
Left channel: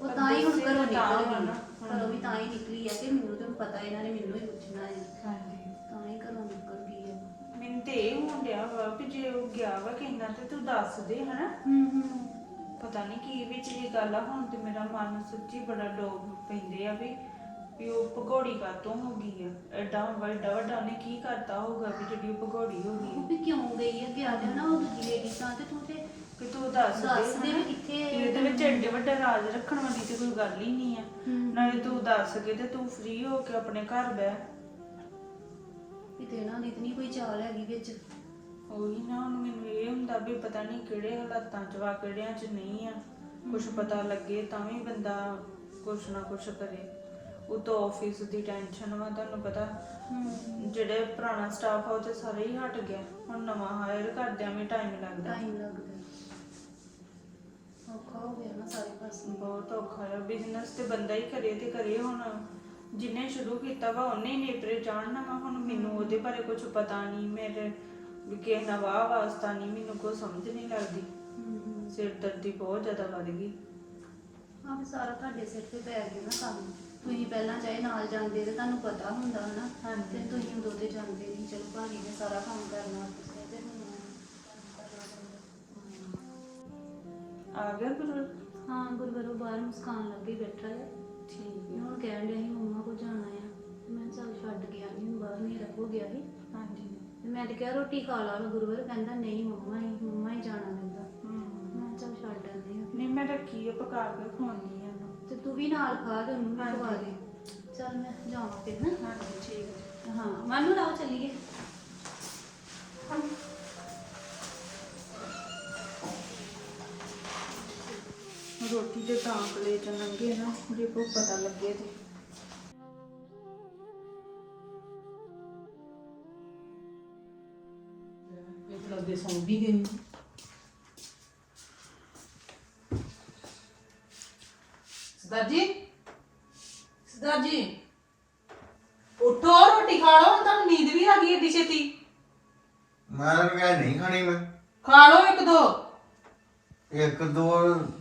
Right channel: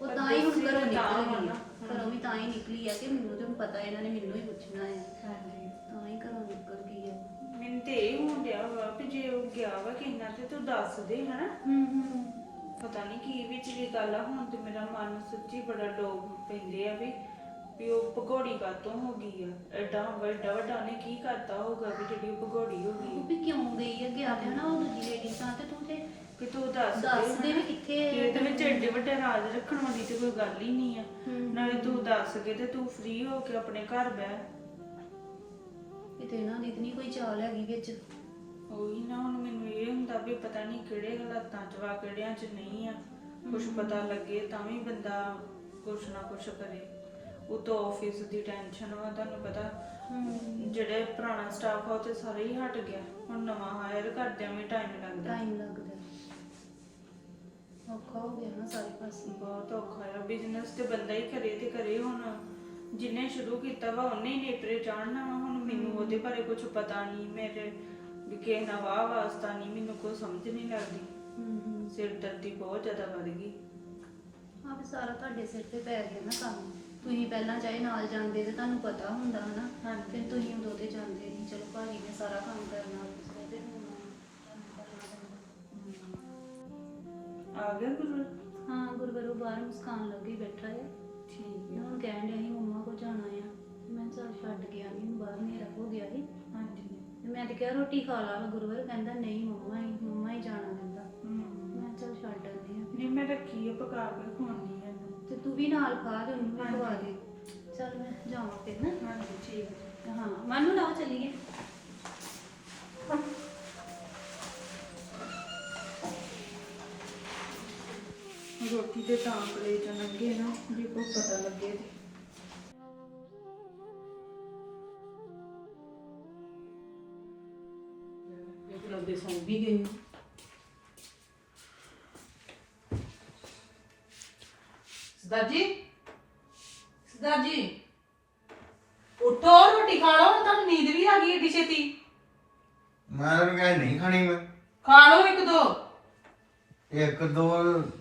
ਉਹ ਤਾਂ ਹੀ ਹੁਣ ਘਰੋਂ ਨਿਕਲ ਗਈ ਆ। ਘਰੋਂ ਵੀ ਤਾਂ ਹੀ ਨਿਕਲੀ ਆ ਕਿ ਮੈਨੂੰ ਤੇ ਪਤਾ ਇਹਨਾਂ ਨੇ ਮੈਨੂੰ ਹੀ ਪੁੱਛਣਾ ਹੈ ਤਾਂ ਹੀ ਘਰੋਂ ਨਿਕਲ ਗਈ ਆ। ਮੈਨੂੰ ਤੇ ਇਹ ਹੋਣ ਡਿਆ ਵਾ ਕਿ ਜੇ ਉਹ ਗਿਆ ਵਾ ਕਿੰਨਾ ਤੇ ਤੂੰ ਦੱਸ ਦੇ ਹਨਾ? ਹੂੰ ਹੂੰ। ਪਤਾ ਨਹੀਂ ਕੀ ਵਿੱਚ ਵੀ ਗੱਲ ਆ ਹੁਣ ਤੇ ਮੇਰਾ ਮਨ ਸੱਚੀ ਬੜਾ ਡੋਬ ਪੈਂਦੇ ਆ ਵੀ ਵੀ ਉਹ ਭਗੌੜੀ ਕਾਤੋਂ ਹੋ ਗਈ ਆ? ਐਡਾ ਵੱਡਾ ਵੱਡਾ ਨੇ ਕੀ ਕਰਤਾ ਹੋਗਾ ਵੀ ਜਿਹੜੀ ਉਹ ਭਗੌੜੀ ਹੋ ਗਈ ਉਹ ਵੀ ਕਿਉਂ ਗਈ ਆ? ਗਿਆ ਤੇ ਨਾ ਉਹ ਦੂਜੀ ਲੇਡੀ ਤਾਂ ਤੇ ਤੂੰ ਤੇ ਕਿ ਤੂੰ ਦੱਸ ਦੱਸ ਦੇ ਹਨਾ। ਵੀ ਕਿੱਥੇ ਕਿ ਇਹਦੇ ਵਿੱਚ ਐਡੇ ਵੱਡੇ ਰਾਜ ਰੱਖਣ ਵਾਲੀ ਤੇ ਕੋਈ ਗੱਲ ਹੀ ਨਹੀਂ ਆ। ਨਾਲੇ ਤੂੰ ਦੱਸ ਕੇ ਤੇ ਤੂੰ ਫ੍ਰੀ ਹੋ ਕੇ ਆਪਣੇ ਘਰ ਬਹਿ। ਕਿਤੇ ਨਾ ਨਿਤਨੀ ਕੋਈ ਚਾਲ ਹੈਗੀ ਵਿੱਚ। ਉਹੀ ਨਾ ਹੁਣ ਮੈਨੂੰ ਇਹ ਹੁੰਦਾ ਵੀ ਪਤਾ ਨਹੀਂ ਕਿਹੜੇ ਹਾਲਾਤਾਂ 'ਚ ਵਾ ਕਿਹੜਿਆਂ 'ਚ ਨਹੀਂ ਆ। ਕੁਝ ਪਤਾ ਲੱਗੇ ਤਾਂ ਵੀ ਬੰਦਾ ਕੁਛ ਨਾ ਕੁਛ ਕਰੇ। ਉਹ ਤੋਂ ਆਫਿਸ ਦੀ ਟੈਨਸ਼ਨ ਵਾ ਤੁਹਾਨੂੰ ਪਤਾ। ਜਿਹੜੇ ਪੁਰਾਣਾ ਸਟਾਫ ਆ ਉਹ ਤੇ ਸਾਰੇ ਹੀ ਹਟ ਗਿਆ। ਹੁਣ ਨਵਾਂ ਹਾਇਰ ਕਰਦਿਆਂ ਵੀ ਟਾਈਮ ਲੱਗਦਾ। ਟਾਈਮ ਲੱਗਦਾ। ਔਖਾ ਹੋ ਗਿਆ ਨਾ ਸਾਰੇ ਪਾਸੇ। ਬਹੁਤ ਔਖਾ ਹੈ ਬਿਜ਼ਨਸ ਤੇ ਬੰਦਾ ਹੀ ਕਰੇ ਤੇ ਕਰੇ। ਹੁਣ ਜਿੰਨੇ ਸ਼ੁਰੂ ਕੀਤਾ ਵਾ ਉਹਨੇ ਹੀ ਨੇਪਰੇ ਜਾਣਨਾ ਵਾ ਹੁਣ ਮੈਨੂੰ ਉਹਦੇ ਬਾਰੇ ਕੁਝ ਪਤਾ ਨਹੀਂ। ਮੇਰੇ ਵੀ ਕਿ ਨਵਾਂ ਵਾਸਤਾ ਨਹੀਂ। ਮੈਨੂੰ ਕੋਈ ਸਮਝ ਨਹੀਂ ਲੱਗਦੀ। ਹੂੰ। ਸਿਰ ਦਰਦੀ ਬਹੁਤ ਜ਼ਿਆਦਾ ਵੱਧ ਗਈ। ਆ ਵੀ ਸਾਰਾ ਤੁਹਾਡੇ ਸਿਰ ਤੇ ਪੈ ਗਿਆ ਨਾ ਕੰਮ। ਤੁਸੀਂ ਪਹਿਲਾਂ ਚਾਹੇ ਨਾਲ ਜਾਂਦੇ ਤੇ ਤੁਹਾਨੂੰ ਪਤਾ ਹੁੰਦਾ ਹਨਾ ਹਾਂਜੀ। ਤੇ ਤੁਸੀਂ ਉਦੋਂ ਤੇ ਜਾਂਦੇ ਨਹੀਂ ਚਲੋ ਭਾਜੀ ਨੇ ਸਾਰਾ ਕੰਮ ਕਰਨਾ ਆਫਿਸ ਦਾ ਤੇ ਹੁਣ ਤੁਹਾਨੂੰ ਕਰਨਾ ਪੈਂਦਾ। ਆ ਗਿਆ ਗੁਰੂ ਹਾਂ ਗੁਰਵਰੋ ਬਾਹਰ ਮੁਸਕਾਨ ਲੱਗੇ ਬੈਠਾ ਆ। ਠੀਕ ਤੇ ਹੁਣ ਕਹਿਣ ਡਿਆ ਸੀ ਮੰਮਾ ਕੋ ਜਾਣਾ ਆ। ਤੇ ਮੈਂ ਚੱਲ ਛੱਡ ਗਿਆ ਨਹੀਂ ਹੁਣ ਬਾਹਰ ਹਨੇਰਾ ਹੋ ਗਿਆ ਸੀ। ਹਾਂਜੀ। ਤੇ ਮੈਂ ਤੇ ਕਿਹਾ ਰੋਟੀ ਖਾ ਲਾ ਗੁਰਵਰ ਕਹਿੰਦਾ ਨਹੀਂ ਮੰਮਾ ਹੀ ਮੰਮਾ ਹੀ ਜਾਣਾ ਪੈਂਦਾ। ਹਮ। ਮੈਂ ਕਿਹਾ ਚੱਲ ਛੱਡ ਆਉਂਦੀ ਆ। ਨਹੀਂ ਮੈਂ ਰੱਖੀ ਹੈ ਪਕਾ ਕੇ ਖਵਾਉਣੀ ਤੇ ਤੂੰ ਵੀ ਨਾਲ ਖਾ ਤੇ ਉਹਨੂੰ ਵੀ। ਖਵਾ ਦੇ। ਚੱਲ ਮੈਂ ਜਾਵਾਂ ਫਿਰ ਨਾ। ਹਾਂਜੀ ਠੀਕ ਹੈ। ਹਾਂ ਮਾਨੂੰ ਲਾਓ ਚੱਲੀਏ। ਰੋਟੀ ਤੇ ਤਾਂ ਕਲੇ ਚ ਲੰਗੇ ਨਾ ਜੇ ਕੋਈ ਪਤਾ ਲੱਗੇ ਤੇ। ਇੱਕ ਲੱਗਦੇ ਸੌਂ ਵੀ ਗਏ ਸਰਦਾਰ ਜੀ ਸਰਦਾਰ ਜੀ ਉਠੋ ਰੋਟੀ ਖਾ ਲਓ ਤੁਹਾਨੂੰ ਨੀਂਦ ਵੀ ਆ ਗਈ ਏਡੀ ਛੇਤੀ। ਮੈਂ ਤਾਂ ਕਹਿ ਨਹੀਂ ਖਾਣੀ ਮੈਂ। ਖਾ ਲਓ ਇੱਕ ਦੋ। ਇੱਕ ਦੋ